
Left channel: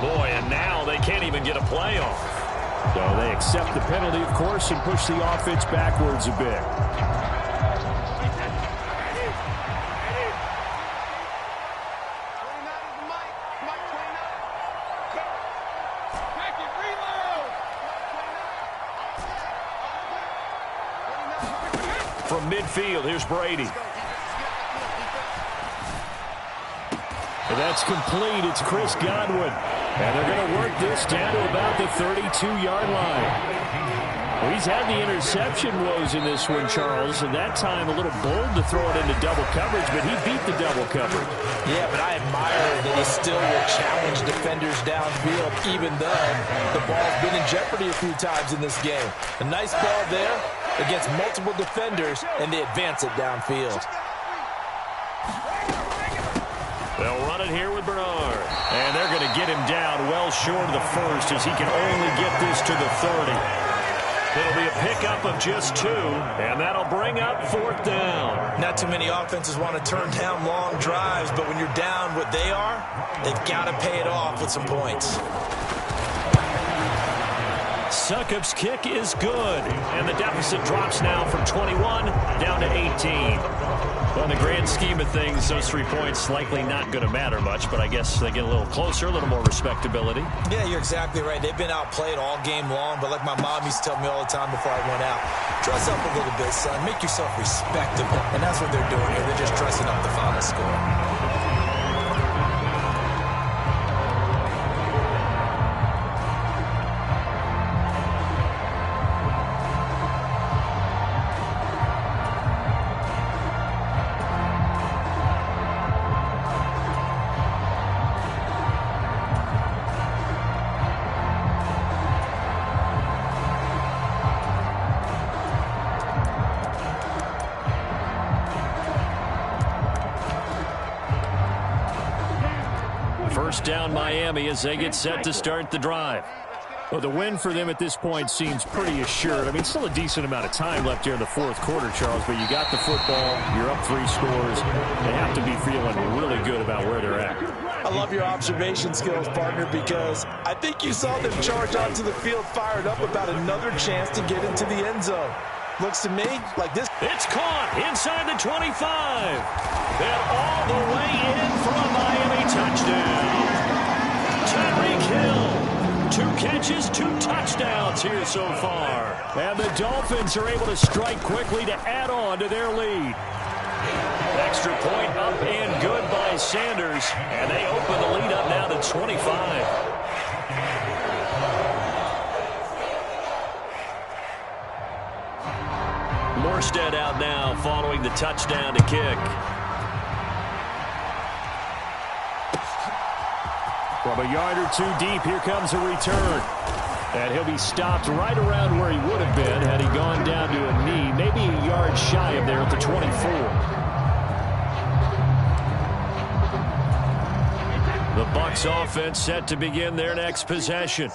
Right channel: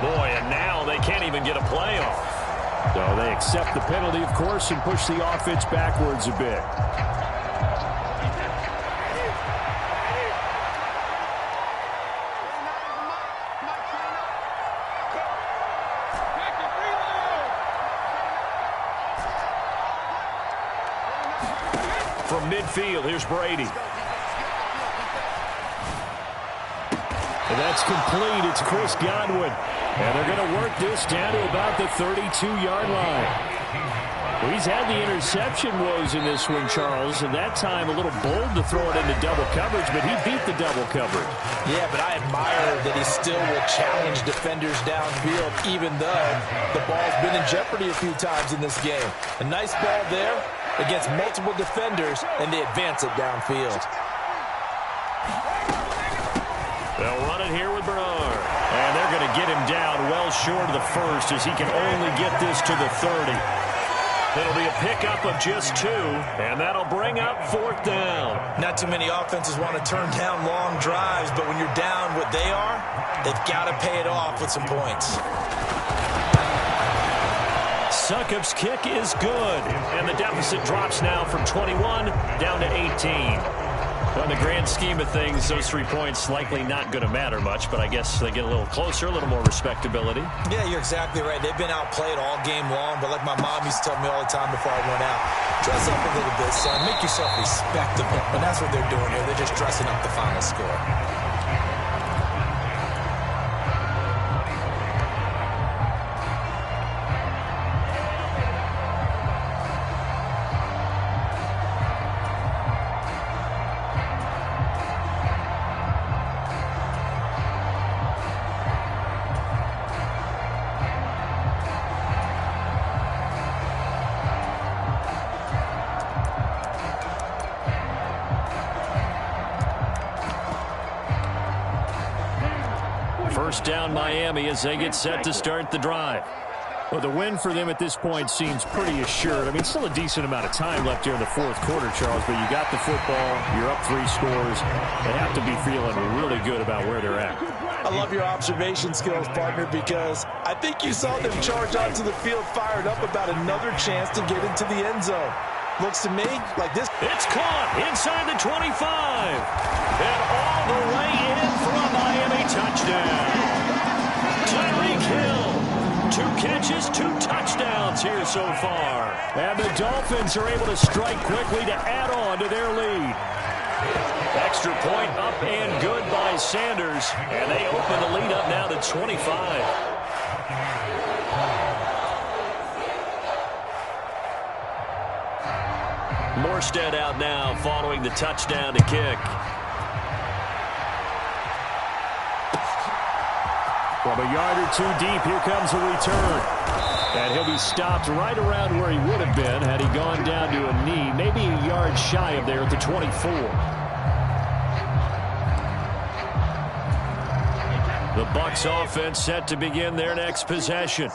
Boy, and now they can't even get a play off. So they accept the penalty, of course, and push the offense backwards a bit. From midfield, here's Brady. That's complete. It's Chris Godwin. And they're going to work this down to about the 32-yard line. Well, he's had the interception woes in this one, Charles, and that time a little bold to throw it into double coverage, but he beat the double coverage. Yeah, but I admire that he still will challenge defenders downfield, even though the ball's been in jeopardy a few times in this game. A nice ball there against multiple defenders, and they advance it downfield. They'll run it here with Bernard. And they're going to get him down well short of the first as he can only get this to the 30. It'll be a pickup of just 2, and that'll bring up 4th down. Not too many offenses want to turn down long drives, but when you're down what they are, they've got to pay it off with some points. Succop's kick is good, and the deficit drops now from 21 down to 18. Well, in the grand scheme of things, those 3 points likely not going to matter much, but I guess they get a little closer, a little more respectability. Yeah, you're exactly right. They've been outplayed all game long, but like my mom used to tell me all the time before I went out, dress up a little bit, son. Make yourself respectable. And that's what they're doing here. They're just dressing up the final score. First down Miami as they get set to start the drive. Well, the win for them at this point seems pretty assured. I mean, still a decent amount of time left here in the fourth quarter, Charles, but you got the football, you're up 3 scores. They have to be feeling really good about where they're at. I love your observation skills, partner, because I think you saw them charge onto the field fired up about another chance to get into the end zone. Looks to me like this. It's caught inside the 25. And all the way in for a Miami touchdown. Tyreek Hill. 2 catches, 2 touchdowns here so far. And the Dolphins are able to strike quickly to add on to their lead. Extra point up and good by Sanders. And they open the lead up now to 25. Morstead out now following the touchdown to kick. From a yard or 2 deep, here comes a return. And he'll be stopped right around where he would have been had he gone down to a knee, maybe a yard shy of there at the 24. The Bucs offense set to begin their next possession.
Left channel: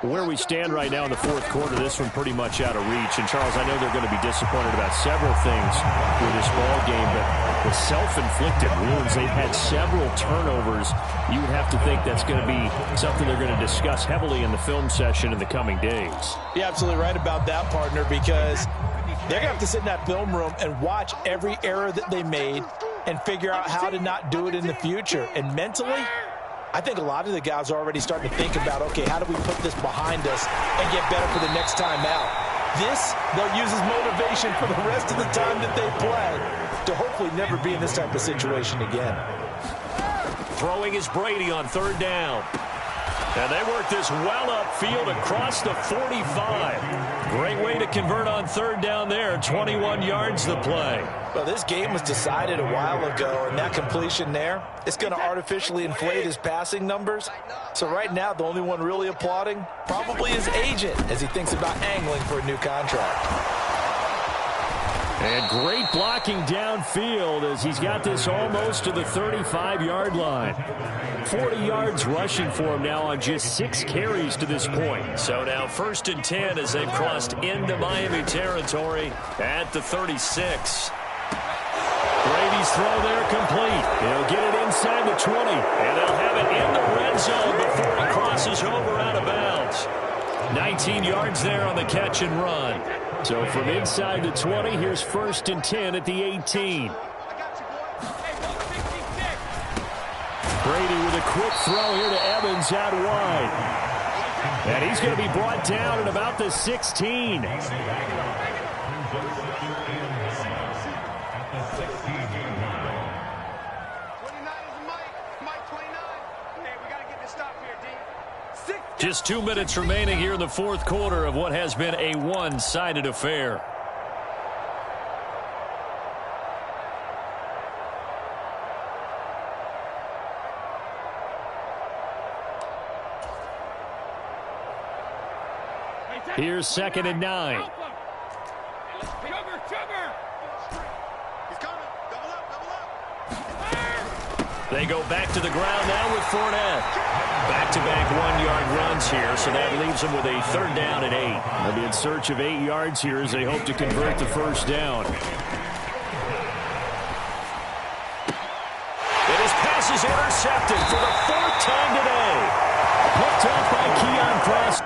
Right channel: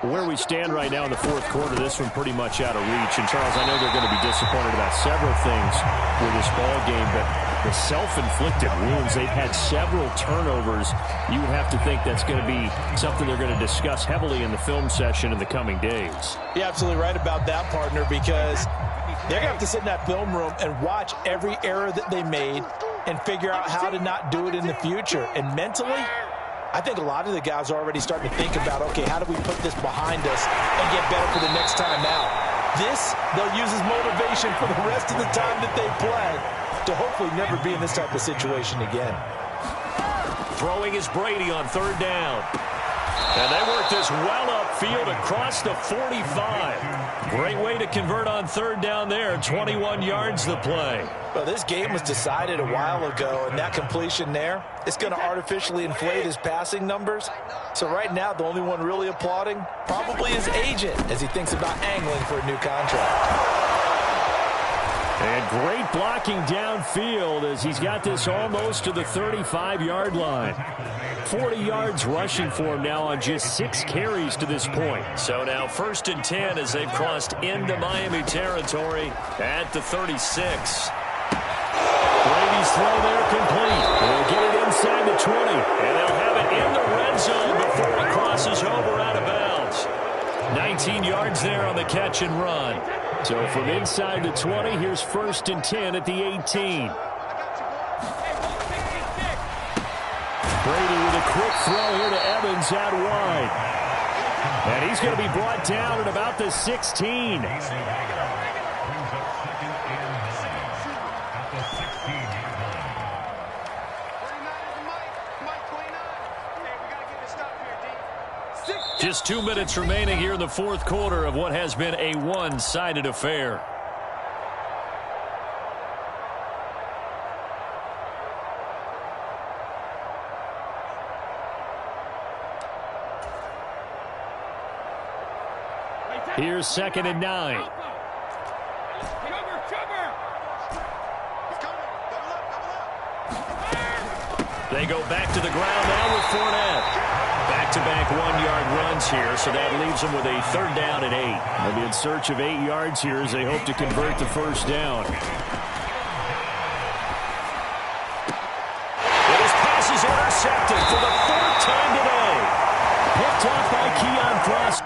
Where we stand right now in the fourth quarter, this one pretty much out of reach. And, Charles, I know they're going to be disappointed about several things with this ball game, but the self-inflicted wounds, they've had several turnovers. You would have to think that's going to be something they're going to discuss heavily in the film session in the coming days. You're absolutely right about that, partner, because they're going to have to sit in that film room and watch every error that they made and figure out how to not do it in the future. And mentally, I think a lot of the guys are already starting to think about, okay, how do we put this behind us and get better for the next time out? This, they'll use as motivation for the rest of the time that they play to hopefully never be in this type of situation again. Throwing is Brady on 3rd down. And they work this well upfield across the 45. Great way to convert on 3rd down there. 21 yards the play. Well, this game was decided a while ago, and that completion there, it's going to artificially inflate his passing numbers. So right now, the only one really applauding probably his agent as he thinks about angling for a new contract. And great blocking downfield as he's got this almost to the 35-yard line. 40 yards rushing for him now on just 6 carries to this point. So now 1st and 10 as they've crossed into Miami territory at the 36. Brady's throw there complete. He'll get it inside the 20. And they'll have it in the red zone before he crosses crosses over out of bounds. 19 yards there on the catch and run. So from inside the 20, here's 1st and 10 at the 18. Brady with a quick throw here to Evans out wide. And he's going to be brought down at about the 16. Just 2 minutes remaining here in the 4th quarter of what has been a one-sided affair. Here's 2nd and 9. They go back to the ground now with Fournette. Back-to-back 1-yard runs here, so that leaves them with a 3rd down and 8. They'll be in search of 8 yards here as they hope to convert the 1st down. And his pass is intercepted for the 4th time today. Picked off by Keion Cross.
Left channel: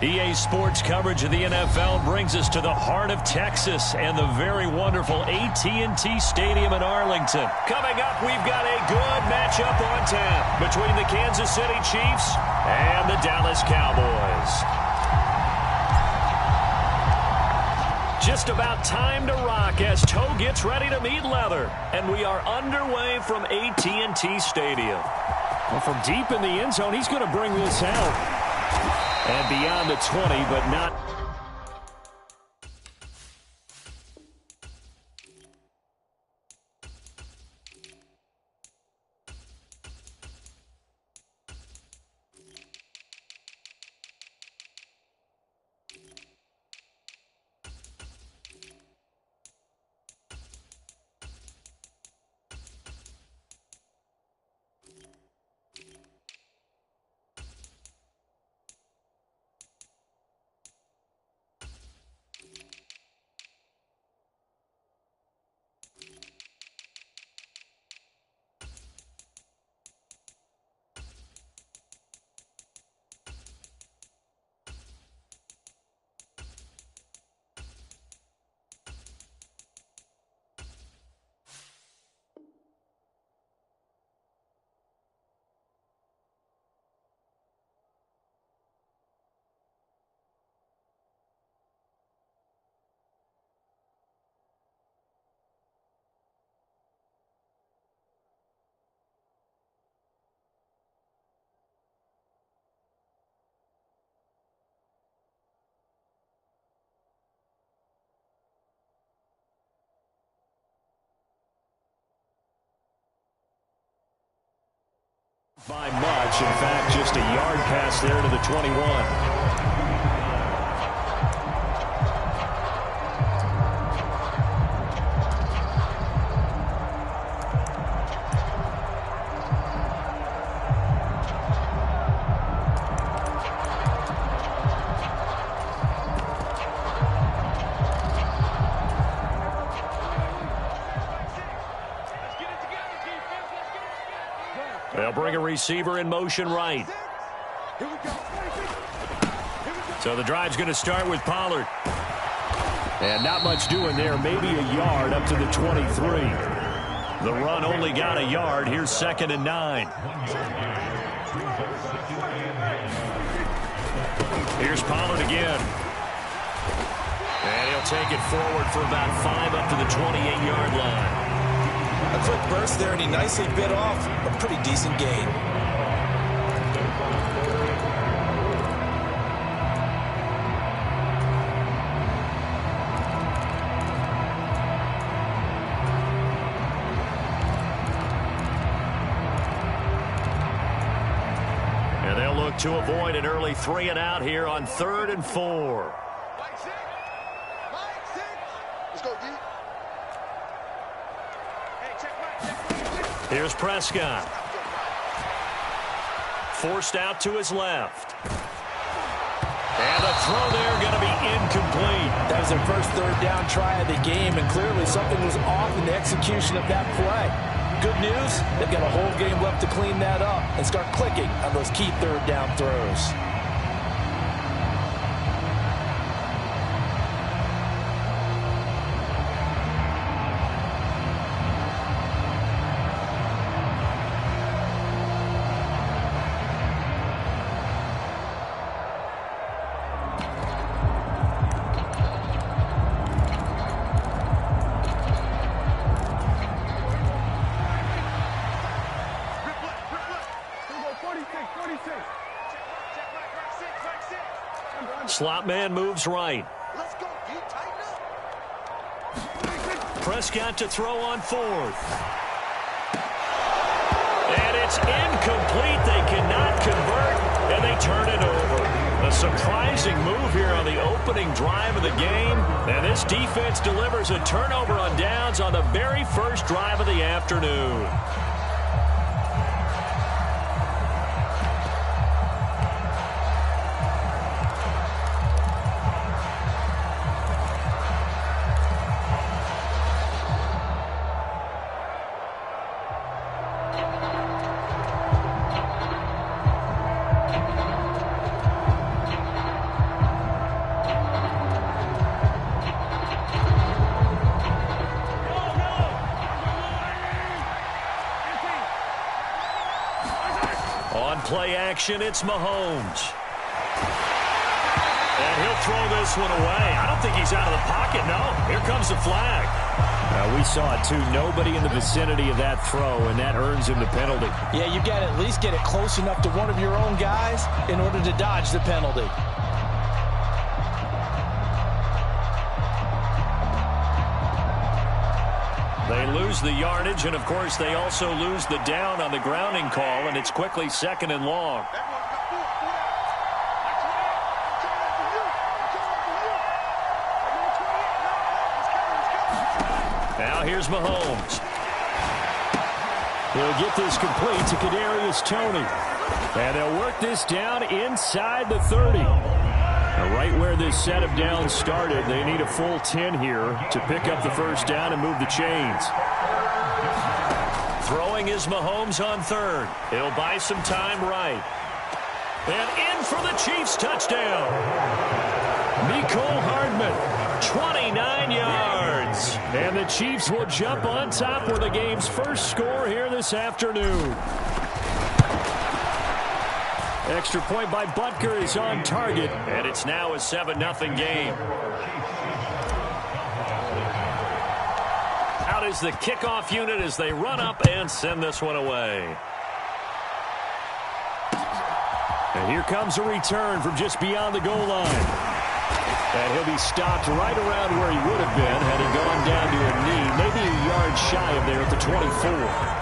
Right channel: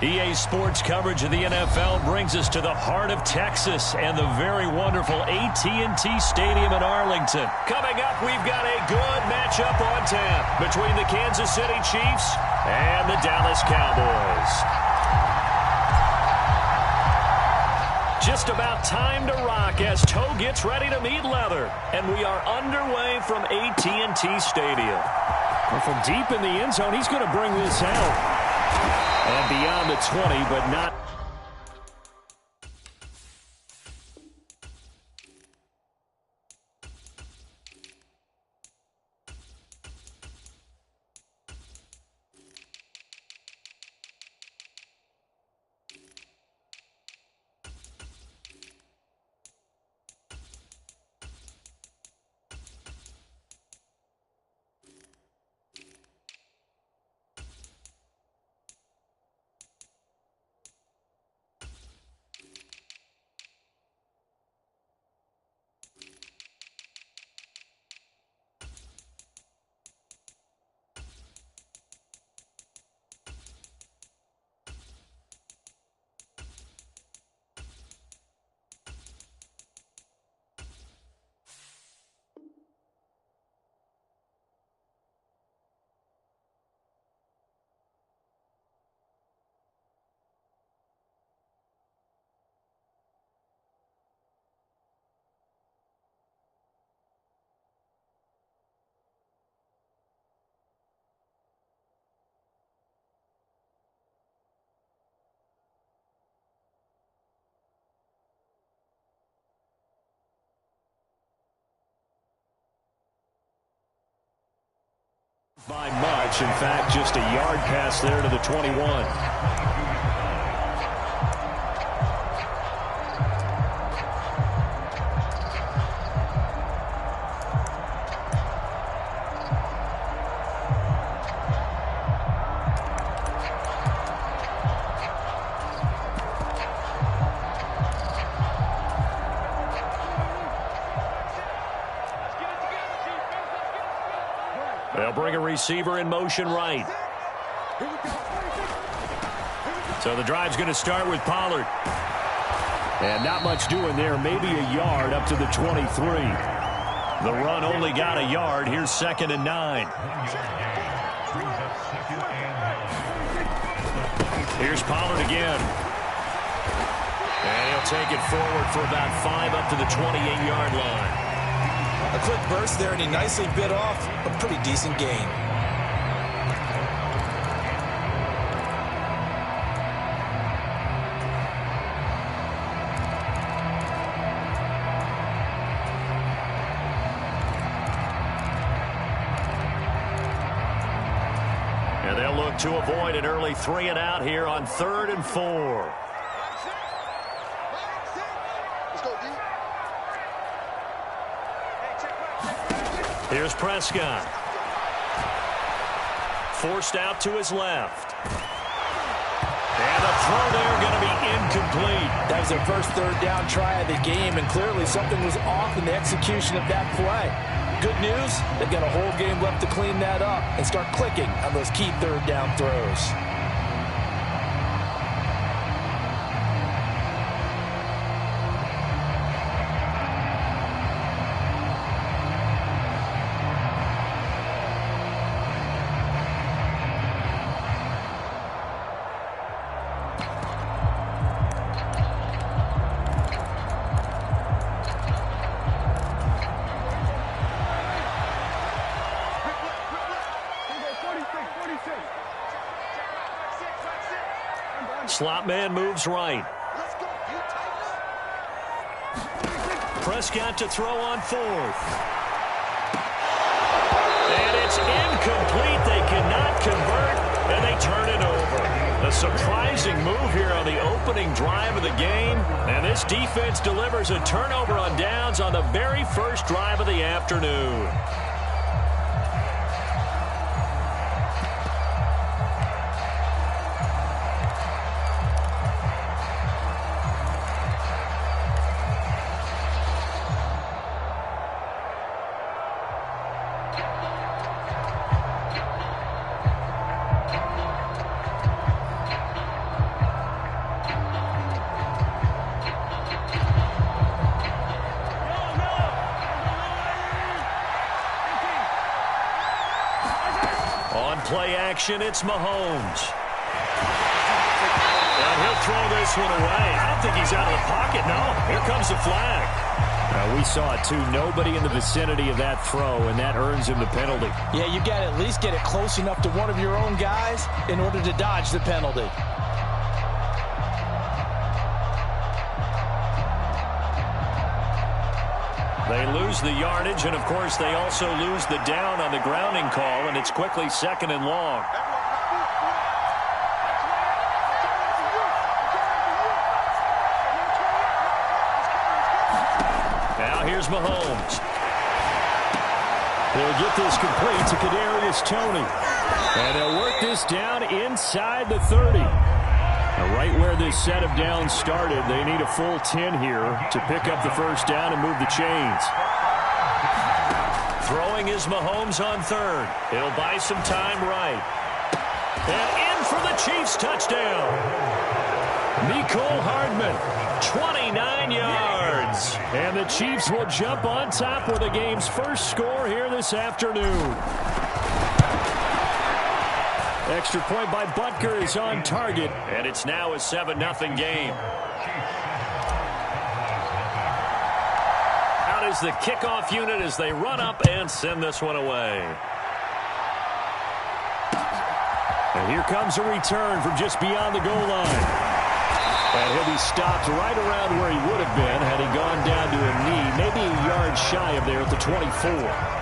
EA Sports coverage of the NFL brings us to the heart of Texas and the very wonderful AT&T Stadium in Arlington. Coming up, we've got a good matchup on tap between the Kansas City Chiefs and the Dallas Cowboys. Just about time to rock as toe gets ready to meet leather. And we are underway from AT&T Stadium. Well, from deep in the end zone, he's going to bring this out. And beyond the 20, but not. By much. In fact, just a yard pass there to the 21. They'll bring a receiver in motion right. So the drive's going to start with Pollard. And not much doing there. Maybe a yard up to the 23. The run only got a yard. Here's 2nd and 9. Here's Pollard again. And he'll take it forward for about 5 up to the 28-yard line. A quick burst there, and he nicely bit off a pretty decent gain. And they'll look to avoid an early 3 and out here on 3rd and 4. Let's go, D. Here's Prescott. Forced out to his left. And a throw there going to be incomplete. That was their first 3rd down try of the game, and clearly something was off in the execution of that play. Good news, they've got a whole game left to clean that up and start clicking on those key 3rd down throws. Slot man moves right. Let's go, D. Tighten up. Prescott to throw on 4th. And it's incomplete. They cannot convert, and they turn it over. A surprising move here on the opening drive of the game. And this defense delivers a turnover on downs on the very first drive of the afternoon. play action. It's Mahomes. And he'll throw this one away. I don't think he's out of the pocket, no. Here comes the flag. We saw it, too. Nobody in the vicinity of that throw, and that earns him the penalty. Yeah, you got to at least get it close enough to one of your own guys in order to dodge the penalty. They lose the yardage, and, of course, they also lose the down on the grounding call, and it's quickly 2nd and long. Now here's Mahomes. He'll get this complete to Kadarius Toney. And they'll work this down inside the 30. Now, right where this set of downs started, they need a full 10 here to pick up the first down and move the chains. Throwing is Mahomes on 3rd. He'll buy some time right. And in for the Chiefs touchdown. Mecole Hardman, 29 yards. And the Chiefs will jump on top with the game's first score here this afternoon. Extra point by Butker is on target. And it's now a 7-0 game. Out is the kickoff unit as they run up and send this one away. And here comes a return from just beyond the goal line. And he'll be stopped right around where he would have been had he gone down to a knee, maybe a yard shy of there at the 24.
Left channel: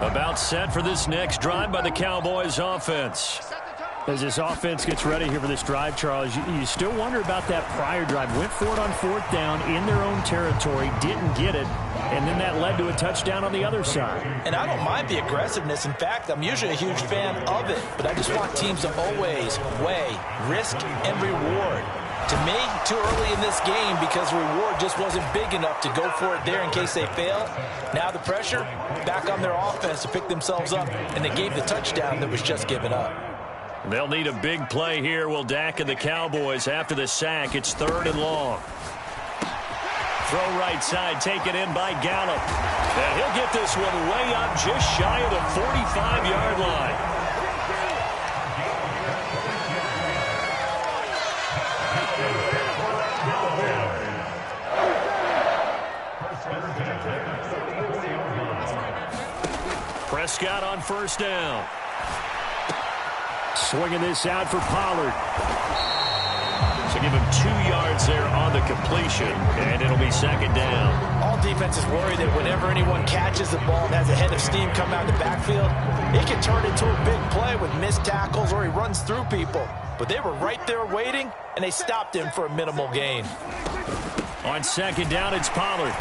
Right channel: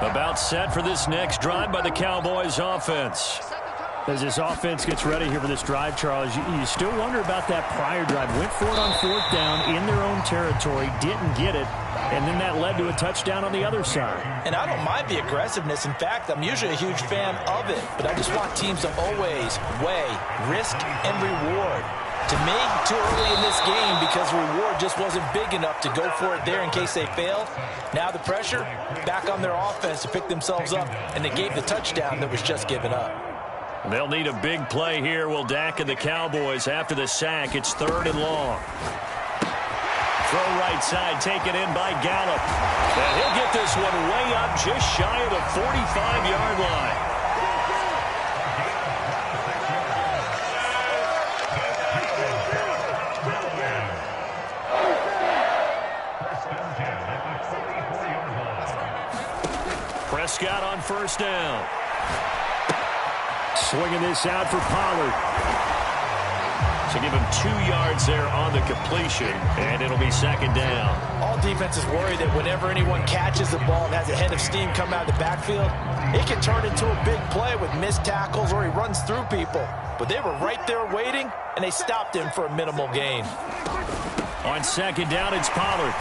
About set for this next drive by the Cowboys offense. As this offense gets ready here for this drive, Charles, you still wonder about that prior drive. Went for it on 4th down in their own territory, didn't get it, and then that led to a touchdown on the other side. And I don't mind the aggressiveness. In fact, I'm usually a huge fan of it, but I just want teams to always weigh risk and reward. To me, too early in this game because the reward just wasn't big enough to go for it there in case they fail. Now the pressure back on their offense to pick themselves up, and they gave the touchdown that was just given up. They'll need a big play here, will Dak and the Cowboys after the sack. It's 3rd and long. Throw right side, taken in by Gallup. And he'll get this one way up just shy of the 45-yard line. Prescott on 1st down. Swinging this out for Pollard. So give him 2 yards there on the completion, and it'll be 2nd down. All defenses worry that whenever anyone catches the ball and has a head of steam come out of the backfield, it can turn into a big play with missed tackles or he runs through people. But they were right there waiting, and they stopped him for a minimal gain. On 2nd down, it's Pollard.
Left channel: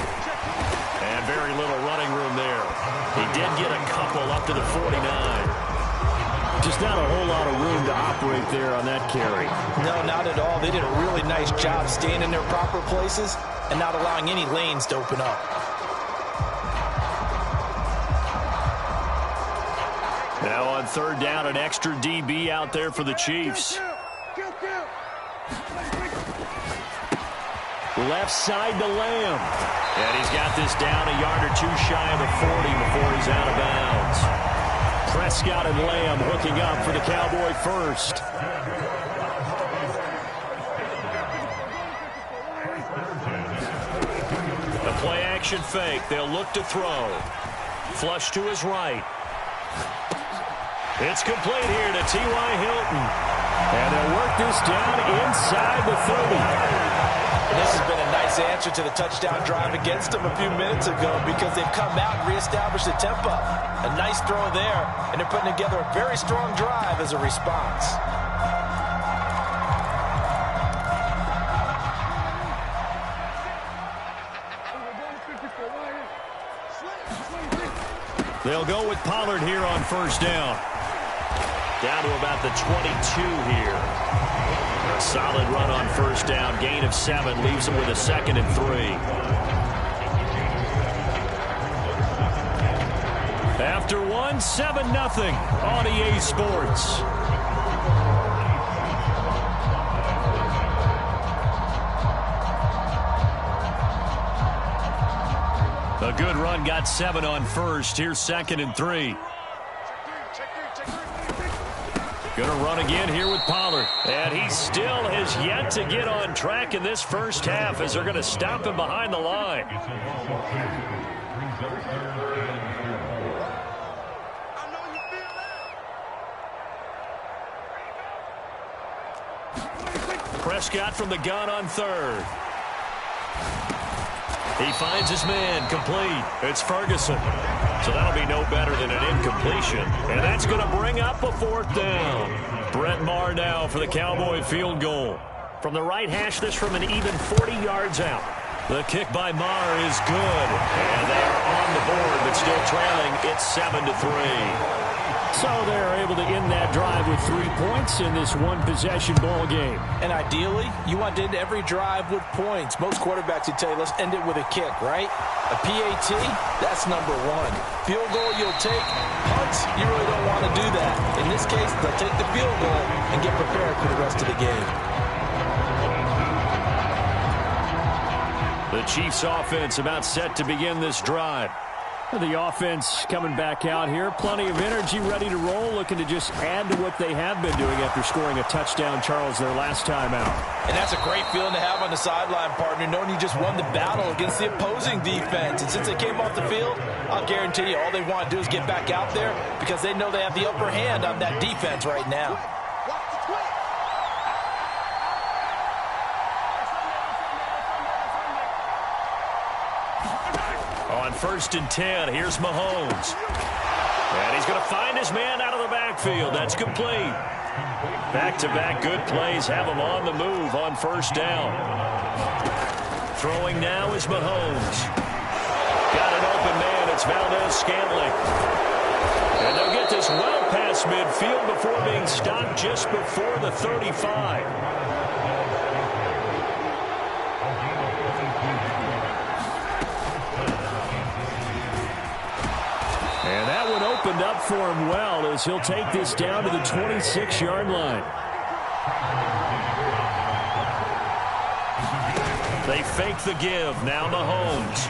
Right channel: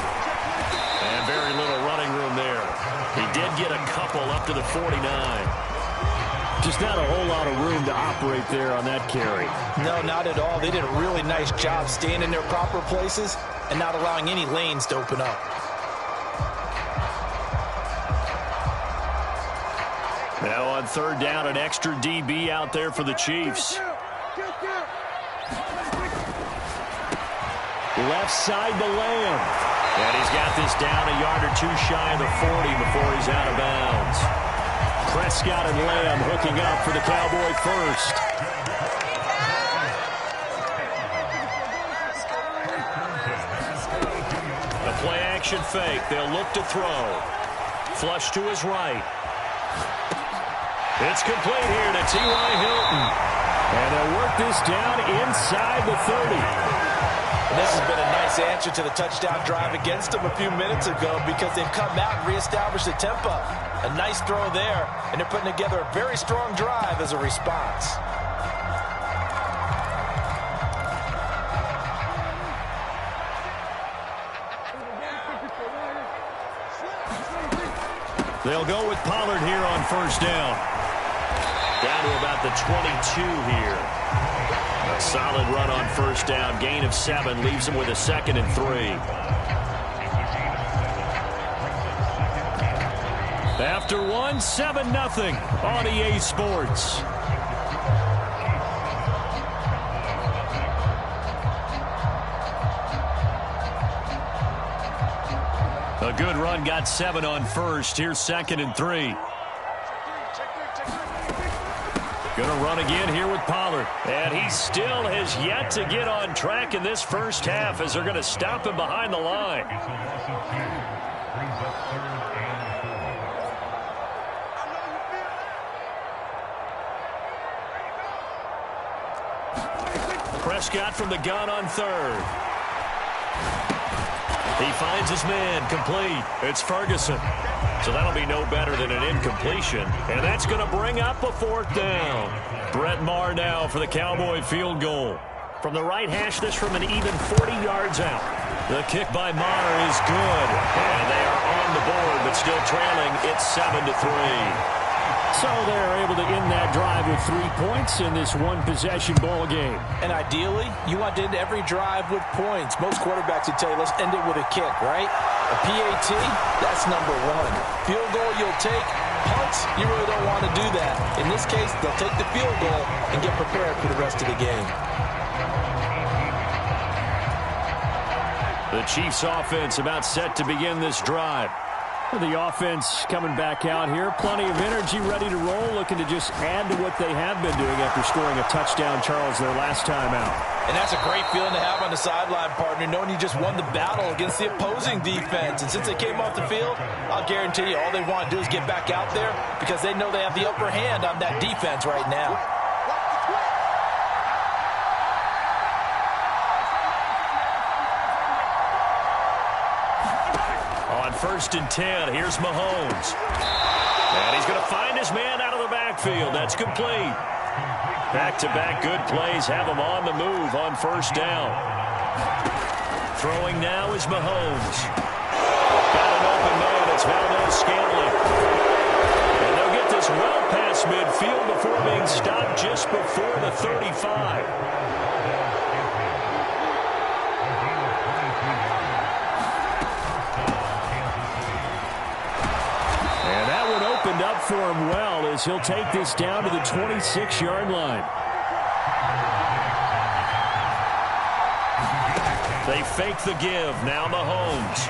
And very little running room there. He did get a couple up to the 49. Just not a whole lot of room to operate there on that carry. No, not at all. They did a really nice job staying in their proper places and not allowing any lanes to open up. Now on 3rd down, an extra DB out there for the Chiefs. Left side to Lamb. And he's got this down a yard or 2 shy of the 40 before he's out of bounds. Prescott and Lamb hooking up for the Cowboy first. The play action fake. They'll look to throw. Flush to his right. It's complete here to T.Y. Hilton. And they'll work this down inside the 30. And this has been a nice answer to the touchdown drive against them a few minutes ago because they've come out and reestablished the tempo. A nice throw there, and they're putting together a very strong drive as a response. They'll go with Pollard here on 1st down. Down to about the 22 here. A solid run on first down. Gain of 7 leaves him with a 2nd and 3. After 1, 7-0 on EA Sports. A good run, got 7 on first. Here's 2nd and 3. Going to run again here with Pollard. And he still has yet to get on track in this first half as they're going to stop him behind the line. Prescott from the gun on 3rd. He finds his man, complete. It's Ferguson. So that'll be no better than an incompletion. And that's going to bring up a 4th down. Brett Maher now for the Cowboy field goal. From the right hash, this from an even 40 yards out. The kick by Maher is good. And they are on the board, but still trailing. It's 7-3. So they're able to end that drive with 3 points in this one-possession ball game. And ideally, you want to end every drive with points. Most quarterbacks would tell you, let's end it with a kick, right? A PAT, that's number 1. Field goal you'll take. Punts, you really don't want to do that. In this case, they'll take the field goal and get prepared for the rest of the game. The Chiefs offense about set to begin this drive. The offense coming back out here. Plenty of energy, ready to roll, looking to just add to what they have been doing after scoring a touchdown, Charles, their last time out. And that's a great feeling to have on the sideline, partner, knowing you just won the battle against the opposing defense. And since they came off the field, I'll guarantee you all they want to do is get back out there because they know they have the upper hand on that defense right now. On 1st and 10, here's Mahomes. And he's going to find his man out of the backfield. That's complete. Back-to-back good plays have him on the move on 1st down. Throwing now is Mahomes. Got an open man. It's Valdez-Scantling. And they'll get this well past midfield before being stopped just before the 35. And that one opened up for him well as he'll take this down to the 26-yard line. They fake the give. Now Mahomes.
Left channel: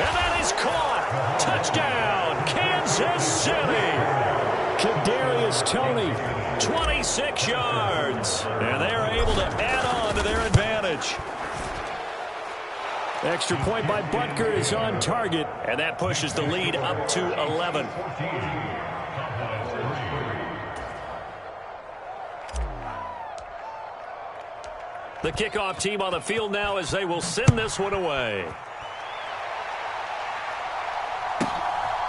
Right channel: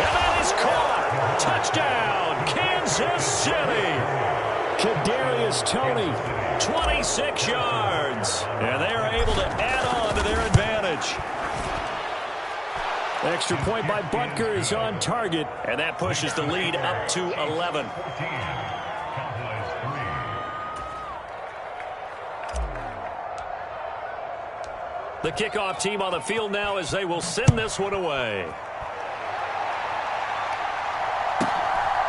And that is caught. Touchdown, Kansas City. Kadarius Toney. 26 yards. And they are able to add on to their advantage. Extra point by Butker is on target. And that pushes the lead up to 11. The kickoff team on the field now as they will send this one away.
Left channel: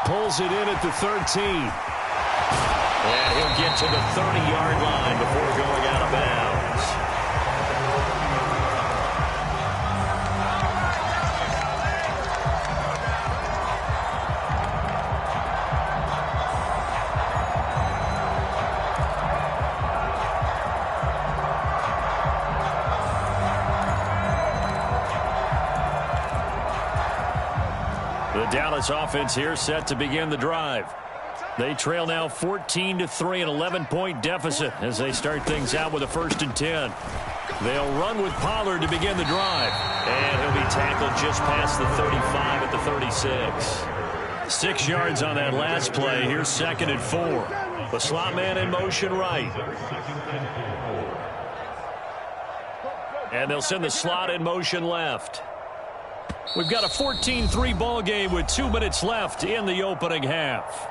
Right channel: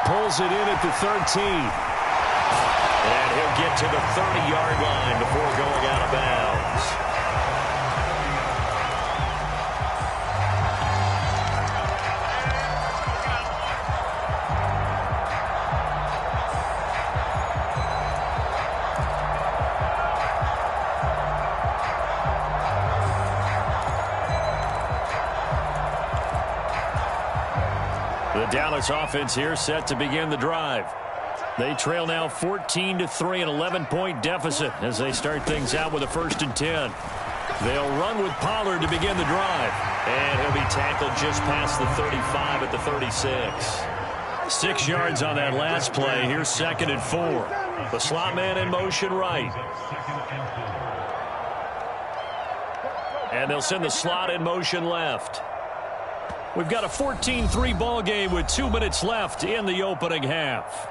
Pulls it in at the 13. And he'll get to the 30-yard line before going out of bounds. The Dallas offense here set to begin the drive. They trail now 14-3, an 11-point deficit as they start things out with a 1st and 10. They'll run with Pollard to begin the drive. And he'll be tackled just past the 35 at the 36. 6 yards on that last play. Here's 2nd and 4. The slot man in motion right. And they'll send the slot in motion left. We've got a 14-3 ball game with 2 minutes left in the opening half.